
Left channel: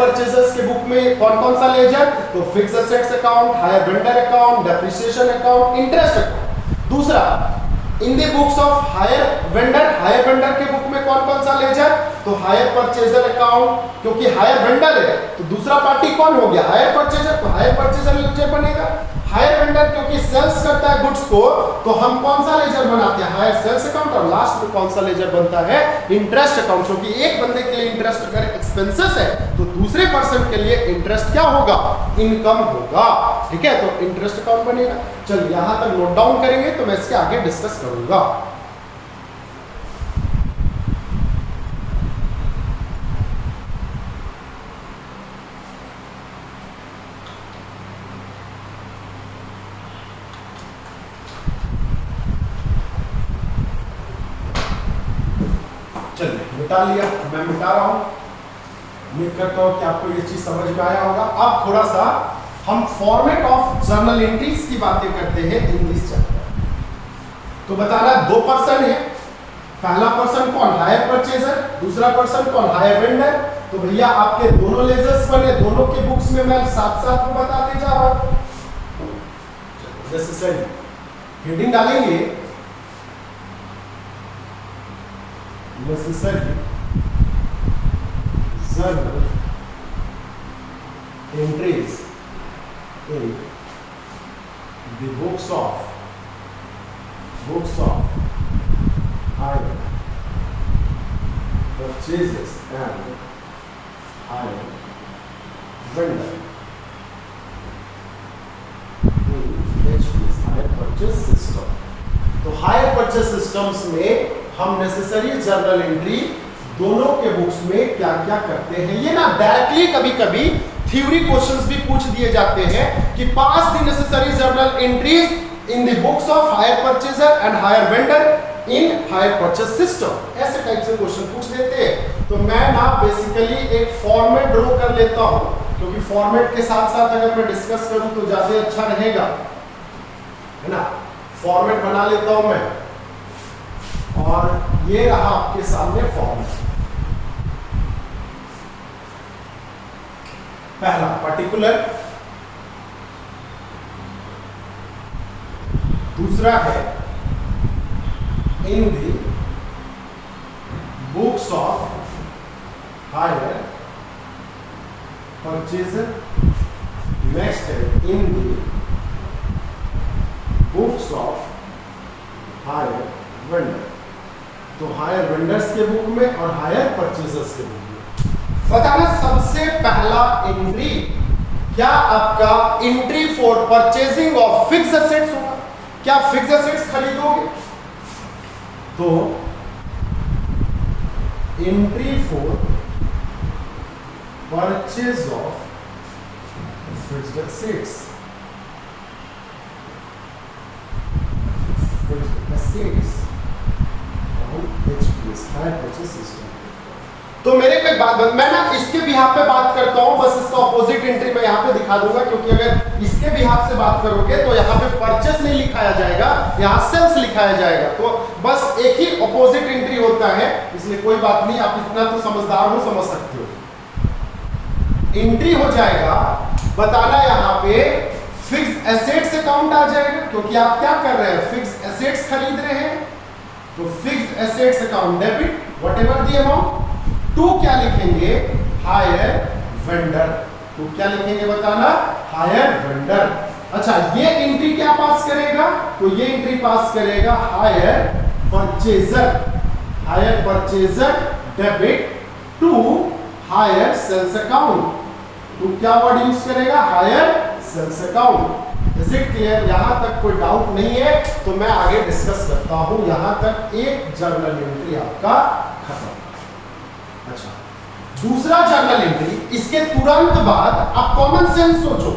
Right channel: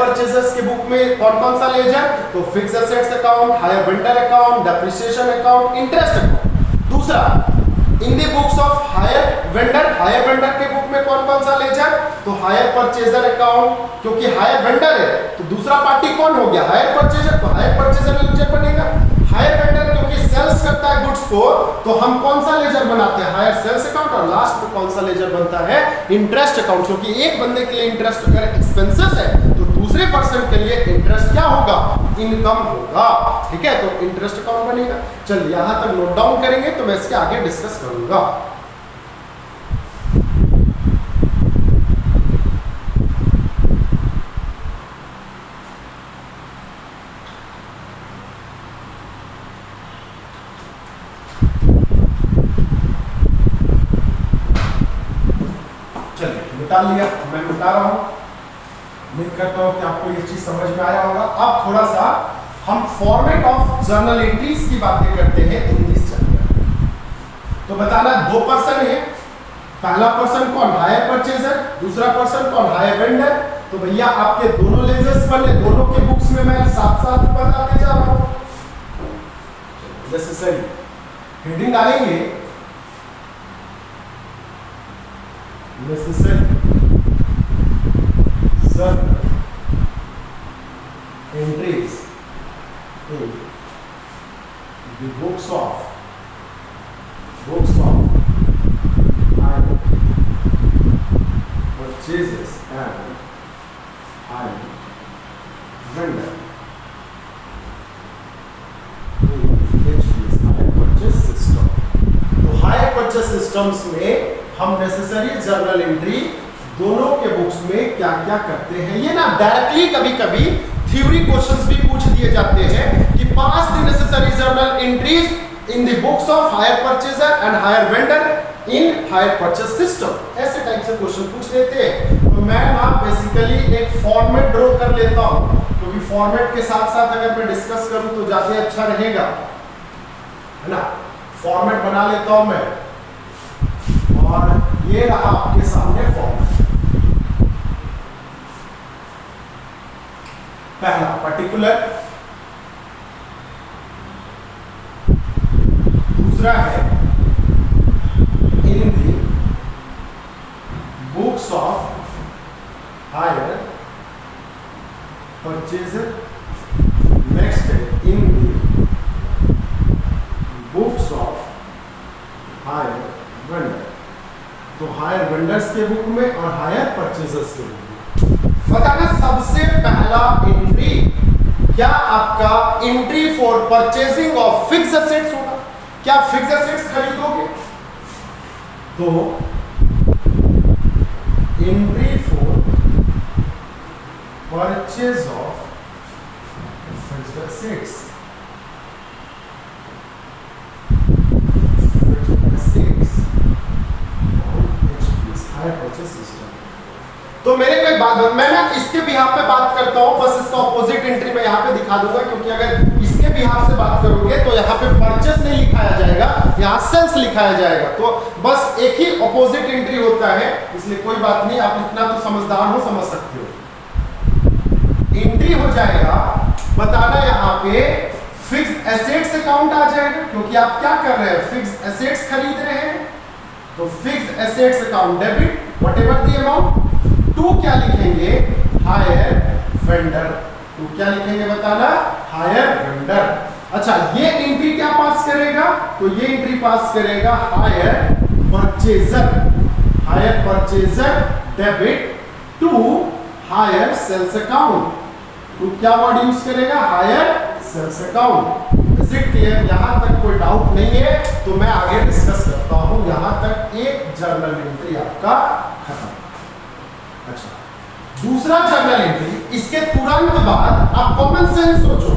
purchasers के बुक में कौन कौन सा लेजर? तो fixed assets account, hire vendor account, depreciation account, interest account. दूसरा, in the books of hire vendor के बुक में कौन कौन सा लेजर? तो हायर परचेजर अकाउंट, क्योंकि हायर वेंडर है तो दूसरा पार्टी कौन हो गया? Hire purchaser. तो हायर परचेजर लेजर बनेगा। हायर वेंडर क्योंकि सेल्स करता है गुड्स को, तो हम कौन सा लेजर बनाते हैं? Hire sales account. और लास्ट में कौन सा लेजर बनता है? इंटरेस्ट अकाउंट, क्योंकि एक बंदे के लिए इंटरेस्ट अगर एक्सपेंसेस है तो दूसरे पर्सन के लिए इंटरेस्ट क्या होगा? इनकम होगा। ठीक है, तो इंटरेस्ट अकाउंट बनेगा। चलिए यहां तक नोट डाउन करेंगे तो मैं इसके आगे डिस्कस करूंगा। चलिए मिटा लिया, मैं मिटा रहा हूं। उम्मीद करता हूं कि आपको ये चीज समझ में आया होगा। अब थोड़ा सा हम फॉर्मेट ऑफ जर्नल एंट्रीज की बातें करते हैं इंग्लिश चैप्टर। तो बताना 2 पर्सन है, पहला पर्सन कौन? हायर परचेजर, दूसरा पर्सन कौन? Higher vendor. तो भैया आपके दोनों लेजर्स बने, दोनों के बुक्स में मैं साथ साथ बताते जा रहा हूं। जैसे सही हेडिंग डालेंगे necessary journal entries in the books of hire purchases and hire vendor in HPS hire purchase system। तो हायर परचेस सिस्टम्स में हम नेसेसरी जर्नल एंट्री दोनों के बुक्स में क्या क्या करते हैं, ये ना डायरेक्टली कभी कभी थ्योरी क्वेश्चंस भी पूछ दिए जाते हैं कि pass the necessary journal entries in the books of hire purchaser and hire vendor in hire purchase system, ऐसे टाइप से क्वेश्चन पूछ लेते हैं। तो मैं ना बेसिकली एक फॉर्मेट ड्रॉ कर लेता हूं, क्योंकि फॉर्मेट के साथ साथ अगर मैं डिस्कस करूं तो ज्यादा अच्छा रहेगा, है ना। फॉर्मेट बना लेता हूं मैं, और ये रहा आपके सामने फॉर्मेट। पहला पर्टिकुलर, दूसरा है in the books of hire purchaser, next है in the books of hire vendor. तो हायर वेंडर्स के बुक में और हायर परचेजर्स के बुक में बताना सबसे पहला एंट्री क्या आपका entry for purchasing of fixed assets होगा। क्या फिक्स्ड एसेट्स खरीदोगे तो entry for purchase of fixed assets, तो मेरे पे बात, मैं ना इसके बिहाफ पे बात करता हूं, बस इसका ऑपोजिट एंट्री मैं यहां पे दिखा दूंगा, क्योंकि अगर इसके बिहाफ से बात करोगे तो यहां पे परचेस नहीं लिखाया जाएगा, यहां सेल्स लिखाया जाएगा। तो बस एक ही ऑपोजिट एंट्री होता है, इसलिए कोई बात नहीं, आप इतना तो समझदार हो, समझ सकते हो। एंट्री हो जाएगा बताना यहां पे फिक्स्ड एसेट्स अकाउंट आ जाएगा, क्योंकि आप क्या कर रहे हैं, फिक्स्ड एसेट्स खरीद रहे हैं। तो fixed assets account debit whatever the amount. To क्या लिखेंगे, हायर वेंडर। तो क्या लिखेंगे बताना, हायर वेंडर। अच्छा, ये एंट्री क्या पास करेगा, तो ये एंट्री पास करेगा hire purchaser, hire purchaser debit to hire sales account. तो क्या वर्ड यूज करेगा, hire sales account. Is it clear? यहां तक कोई डाउट नहीं है, तो मैं आगे डिस्कस करता हूं। यहां तक एक जर्नल एंट्री आपका खत्म। अच्छा, दूसरा जर्नल एंट्री, इसके तुरंत बाद आप कॉमन सेंस सोचो,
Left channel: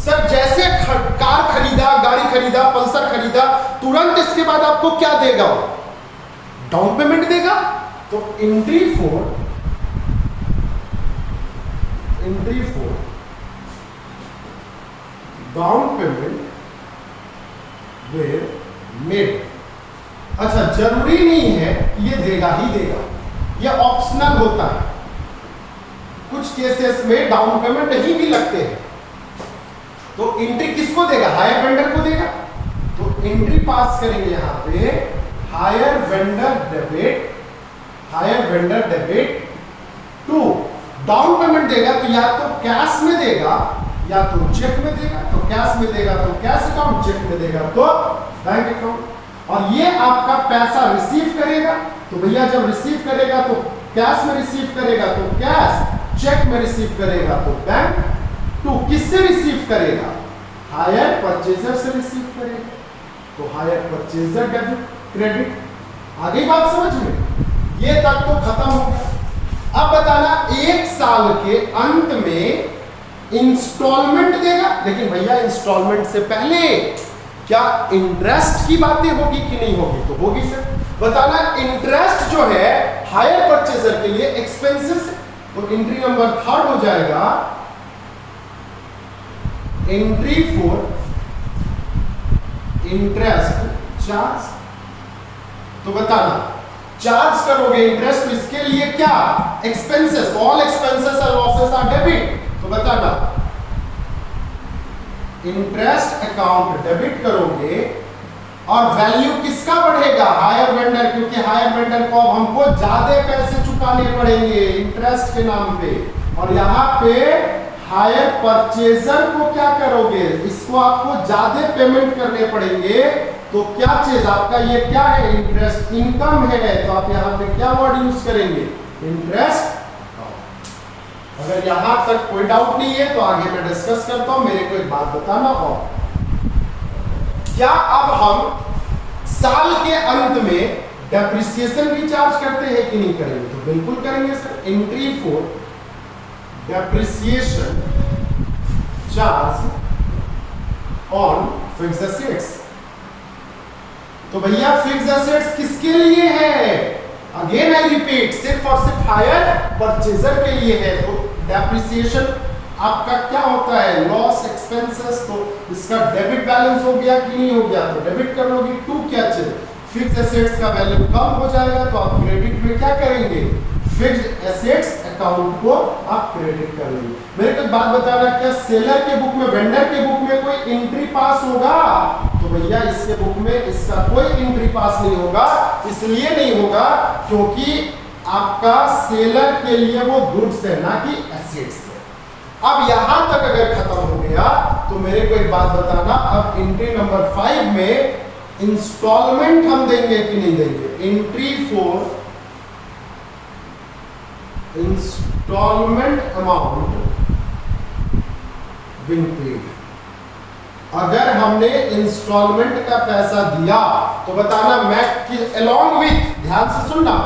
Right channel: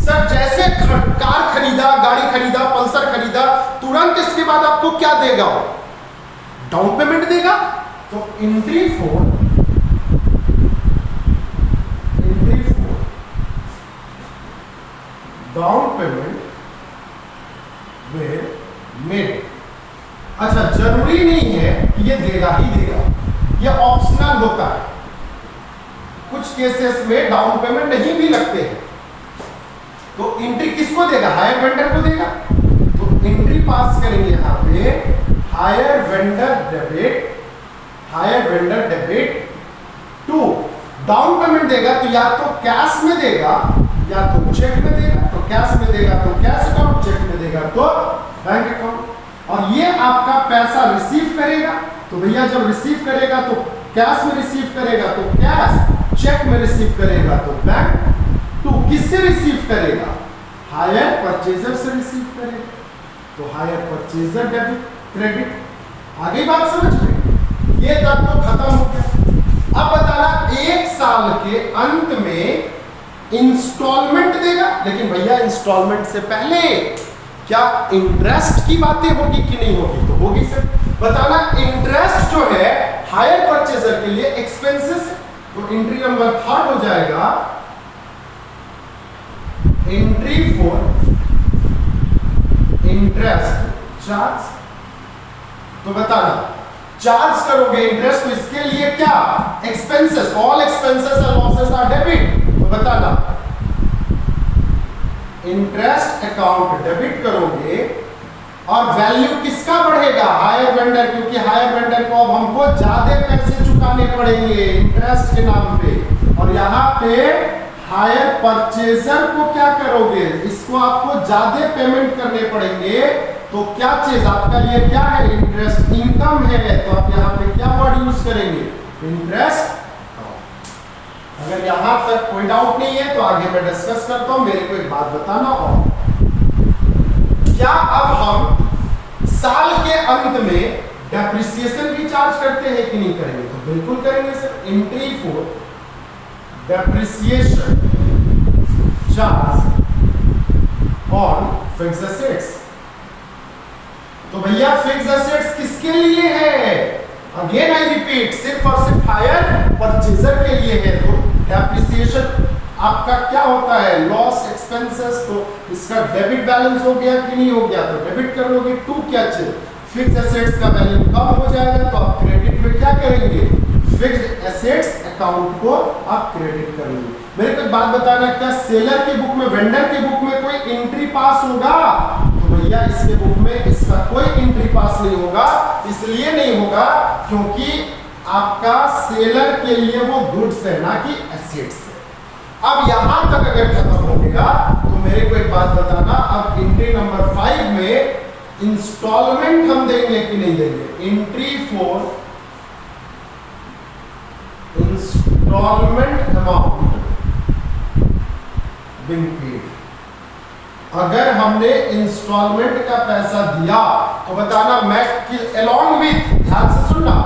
सर जैसे कार खरीदा, गाड़ी खरीदा, पल्सर खरीदा, तुरंत इसके बाद आपको क्या देगा, डाउन पेमेंट देगा। तो entry for down payment were made. अच्छा, जरूरी नहीं है कि ये देगा ही देगा, ये ऑप्शनल होता है। कुछ केसेस में डाउन पेमेंट नहीं भी लगते हैं। तो एंट्री किसको देगा, हायर वेंडर को देगा। तो एंट्री पास करेंगे यहां पे hire vendor debit to down payment देगा, तो या तो कैश में देगा या तो चेक में देगा। तो कैश में देगा तो कैश अकाउंट, चेक में देगा तो बैंक अकाउंट। और ये आपका पैसा रिसीव करेगा, तो भैया जब रिसीव करेगा तो कैश में रिसीव करेगा तो कैश, चेक में रिसीव करेगा तो बैंक। तो किससे रिसीव करेगा, हायर परचेजर से रिसीव करेगा। तो हायर परचेजर डेबिट क्रेडिट। आगे बात समझ में, ये तक तो खत्म हो गया। अब बताना एक साल के अंत में इंस्टॉलमेंट देगा, लेकिन भैया इंस्टॉलमेंट से पहले क्या इंटरेस्ट की बातें होगी कि नहीं होगी, तो होगी सर। बताना इंटरेस्ट जो है हायर परचेजर के लिए एक्सपेंसेस है। तो एंट्री नंबर 3 हो जाएगा एंट्री फॉर इंटरेस्ट चार्ज। तो बताना चार्ज करोगे इंटरेस्ट, तो इसके लिए क्या, एक्सपेंसेस, ऑल एक्सपेंसेस और लॉसेस आर डेबिट। तो बताना इंटरेस्ट अकाउंट डेबिट करोगे और वैल्यू किसका बढ़ेगा? हायर वेंडर, क्योंकि हायर वेंडर को अब हमको ज्यादा पैसे चुकाने पड़ेंगे इंटरेस्ट के नाम पे। और यहाँ पे हायर परचेजर को क्या करोगे? इसको आपको ज्यादा पेमेंट करने पड़ेंगे। तो क्या चीज आपका ये क्या है? इंटरेस्ट इनकम है। तो आप यहाँ पे क्या वर्ड यूज करेंगे? इंटरेस्ट। अगर यहां तक कोई डाउट नहीं है तो आगे मैं डिस्कस करता हूं। मेरे को एक बात बताना, और क्या अब हम साल के अंत में डेप्रिसिएशन भी चार्ज करते हैं कि नहीं करेंगे? तो बिल्कुल करेंगे sir. Entry for depreciation charge on fixed assets. तो भैया फिक्स्ड एसेट्स किसके लिए है? अगेन आई रिपीट, सिर्फ और सिर्फ हायर परचेजर के लिए है। तो डेप्रिसिएशन आपका क्या होता है? Loss expenses. तो इसका डेबिट बैलेंस हो गया कि नहीं हो गया? तो डेबिट कर लोगे। टू क्या चाहिए? फिक्स्ड एसेट्स का वैल्यू कम हो जाएगा, तो आप क्रेडिट में क्या करेंगे? फिक्स्ड एसेट्स अकाउंट को आप क्रेडिट कर लेंगे। मेरे को एक बात बताना, क्या सेलर के बुक में, वेंडर के बुक में कोई एंट्री पास होगा? तो भैया इसके बुक में इसका कोई एंट्री पास नहीं होगा। इसलिए नहीं होगा क्योंकि आपका सेलर के लिए वो गुड्स है, ना कि एसेट्स है। अब यहां तक अगर खत्म हो गया तो मेरे को एक बात बताना, अब एंट्री नंबर 5 में इंस्टॉलमेंट हम देंगे कि नहीं देंगे? Entry for installment amount being paid. अगर हमने इंस्टॉलमेंट का पैसा दिया तो बताना मैं अलॉन्ग विथ, ध्यान से सुनना,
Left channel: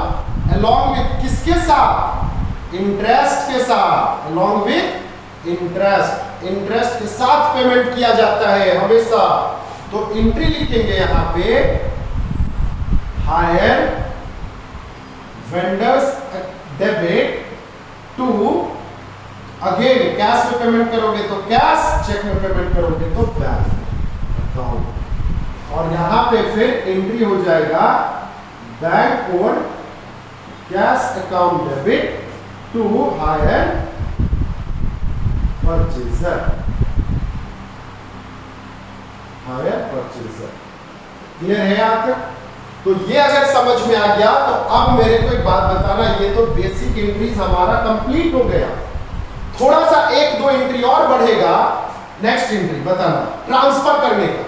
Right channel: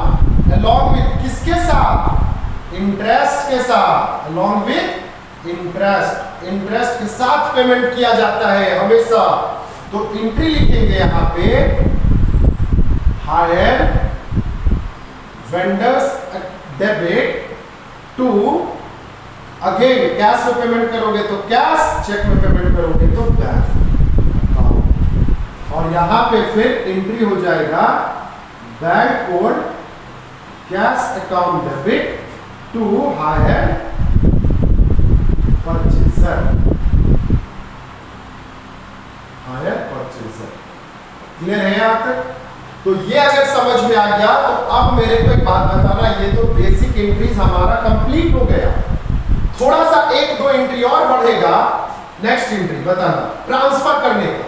अलॉन्ग विथ किसके साथ? इंटरेस्ट के साथ। अलॉन्ग विथ इंटरेस्ट, इंटरेस्ट के साथ पेमेंट किया जाता है हमेशा। तो एंट्री लिखेंगे यहां पे, hire vendors debit to, again cash में पेमेंट करोगे तो कैश, चेक में पेमेंट करोगे तो बैंक अकाउंट। और यहां पे फिर एंट्री हो जाएगा बैंक कोड cash account debit to hire purchaser, hire purchaser. Clear है यहां तक? तो ये अगर समझ में आ गया तो अब मेरे को एक बात बताना, ये तो बेसिक एंट्रीज हमारा कंप्लीट हो गया। थोड़ा सा एक दो एंट्री और बढ़ेगा। नेक्स्ट एंट्री बताना, ट्रांसफर करने का।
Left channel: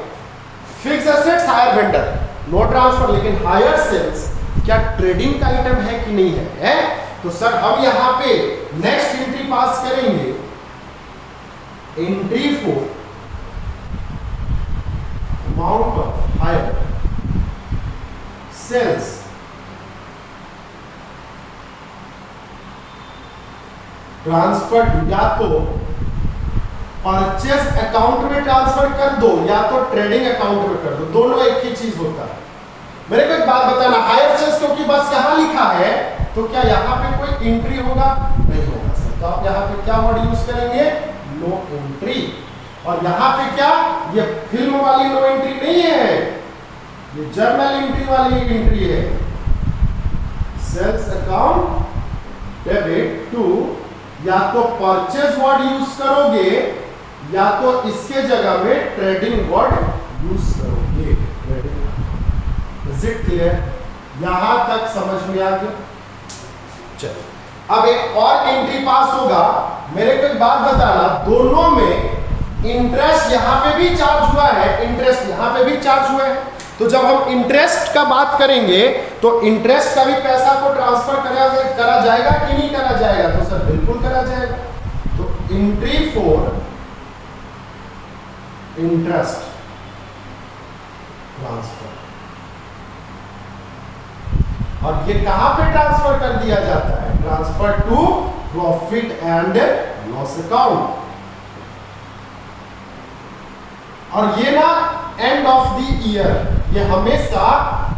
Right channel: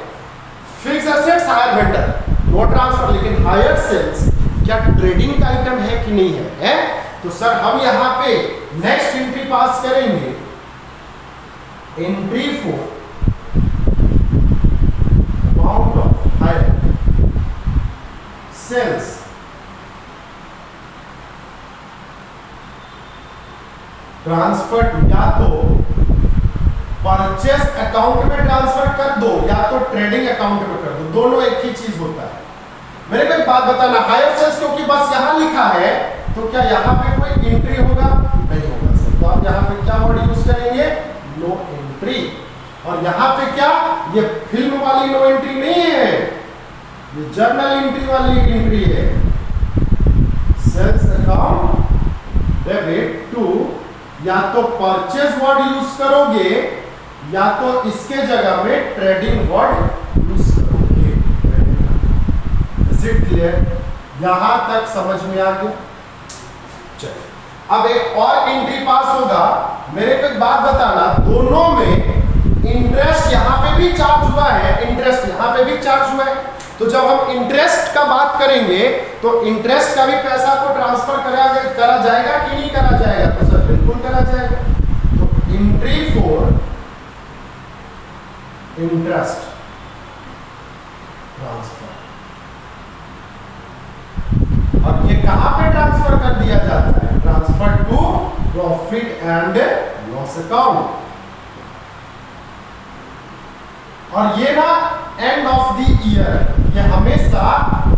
Fixed assets hire vendor, no transfer, लेकिन हायर सेल्स क्या ट्रेडिंग का आइटम है कि नहीं है? तो सर हम यहां पे नेक्स्ट एंट्री पास करेंगे, entry for amount of hire sales transfer, या तो परचेस अकाउंट में ट्रांसफर कर दो या तो ट्रेडिंग अकाउंट में कर दो, दोनों एक ही चीज होता है। मेरे को एक बात बताना, हायर सेल्स क्योंकि बस यहां लिखा है तो क्या यहां पे कोई एंट्री होगा? नहीं होगा सर। तो आप यहां पे क्या वर्ड यूज करेंगे? No entry. और यहां पे क्या, ये फिल्म वाली नो एंट्री नहीं है, ये जर्नल एंट्री वाली एंट्री है। सेल्स अकाउंट डेबिट टू, या तो परचेज वर्ड यूज करोगे या तो इसके जगह में ट्रेडिंग वर्ड यूज करोगे। Is it clear? यहां तक समझ में आ गया? चलो अब एक और एंट्री पास होगा। मेरे को एक बात बताना, दोनों में इंटरेस्ट यहां पे भी चार्ज हुआ है, इंटरेस्ट यहां पे भी चार्ज हुआ है। तो जब हम इंटरेस्ट का बात kरेंगे तो इंटरेस्ट का भी पैसा को ट्रांसफर करा जाएगा कि नहीं करा जाएगा? तो सर बिल्कुल करा जाएगा। तो एंट्री फॉर इंटरेस्ट ट्रांसफर, और ये कहां पे ट्रांसफर कर दिया जाता है? Transfer to profit and loss account. और ये ना एंड ऑफ द ईयर, ये हमेशा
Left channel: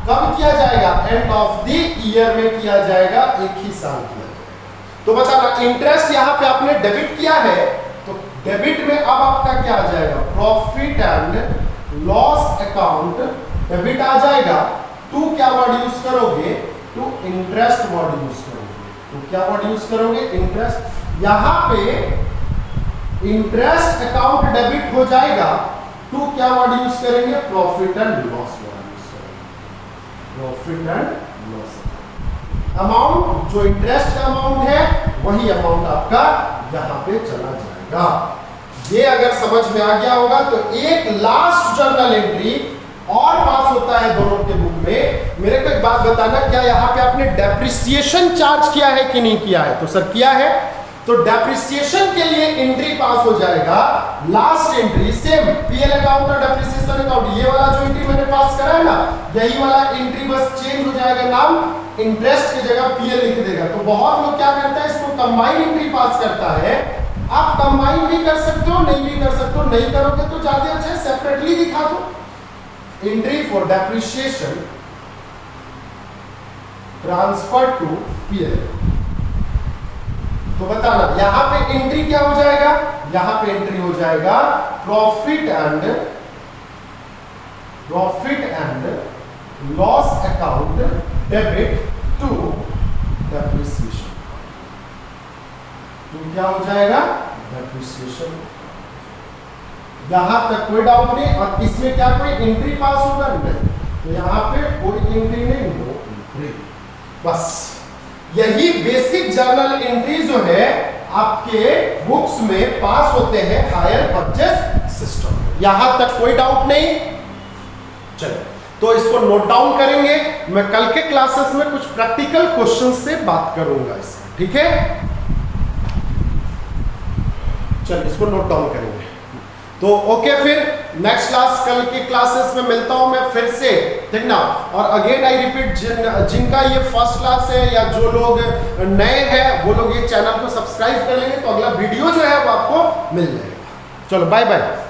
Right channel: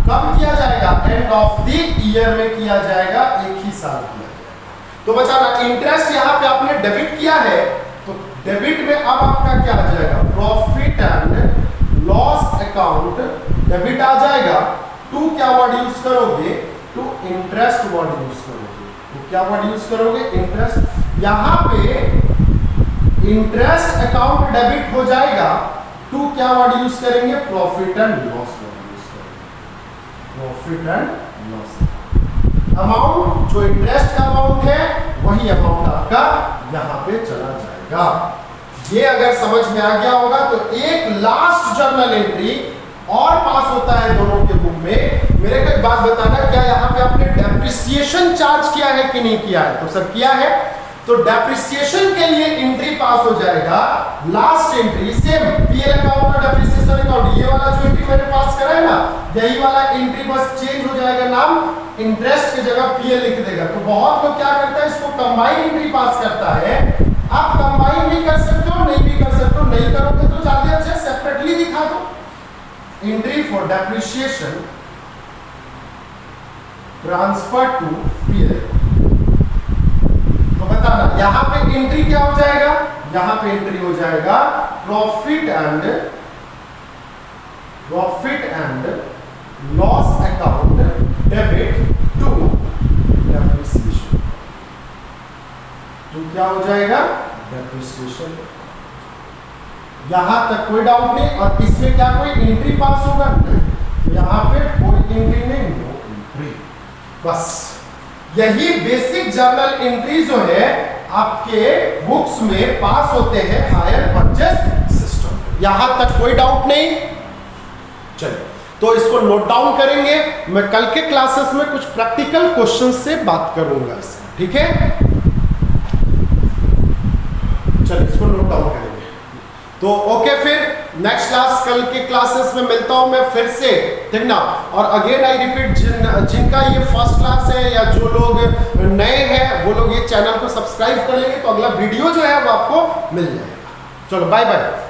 कब किया जाएगा? एंड ऑफ द ईयर में किया जाएगा, एक ही साल किया जाएगा। तो बताना, इंटरेस्ट यहां पे आपने डेबिट किया है तो डेबिट में अब आपका क्या आ जाएगा? Profit and loss account debit आ जाएगा। टू क्या वर्ड यूज करोगे? टू इंटरेस्ट वर्ड यूज करोगे। तो क्या वर्ड यूज करोगे? इंटरेस्ट। यहां पे इंटरेस्ट अकाउंट डेबिट हो जाएगा, टू क्या वर्ड यूज करेंगे? Profit and loss word. Profit and loss amount, जो इंटरेस्ट का अमाउंट है वही अमाउंट आपका यहां पे चला जाएगा। ये अगर समझ में आ गया होगा तो एक लास्ट जर्नल एंट्री और पास होता है दोनों के बुक में। मेरे को एक बात बताना, क्या यहाँ पे आपने डेप्रिसिएशन चार्ज किया है कि नहीं किया है? तो सर किया है, तो डेप्रिसिएशन के लिए एंट्री पास हो जाएगा। Last entry same PL account और डेप्रिसिएशन अकाउंट, ये वाला जो एंट्री मैंने पास करा है ना, यही वाला एंट्री बस चेंज हो जाएगा, नाम इंटरेस्ट की जगह पीएल लिख देगा। तो बहुत लोग क्या करता है, इसको कंबाइन एंट्री पास करता है। आप कंबाइन भी कर सकते हो, नहीं भी कर सकते हो, नहीं करोगे तो ज्यादा अच्छा है सेपरेटली दिखा दो। Entry for depreciation transfer to PL, तो बताना यहां पे एंट्री क्या हो जाएगा, यहां पे एंट्री हो जाएगा profit and loss account debit to depreciation. तो क्या हो जाएगा, डेप्रिसिएशन। यहां तक कोई डाउट नहीं। और इसमें क्या कोई एंट्री पास होगा? नहीं, तो यहां पे कोई एंट्री नहीं, नो एंट्री। बस यही बेसिक जर्नल एंट्री जो है आपके बुक्स में पास होते हैं हायर परचेस सिस्टम। यहां तक कोई डाउट नहीं। चलिए, तो इसको नोट डाउन करेंगे। मैं कल के क्लासेस में कुछ प्रैक्टिकल क्वेश्चन से बात करूंगा इसका, ठीक है? चलिए, इसको नोट डाउन करेंगे। तो ओके, फिर नेक्स्ट क्लास, कल के क्लासेस में मिलता हूं मैं फिर से, ठीक ना? और अगेन आई रिपीट, जिनका ये फर्स्ट क्लास है या जो लोग नए हैं वो लोग ये चैनल को सब्सक्राइब कर लेंगे तो अगला वीडियो जो है वो आपको मिल जाएगा। चलो, बाय बाय।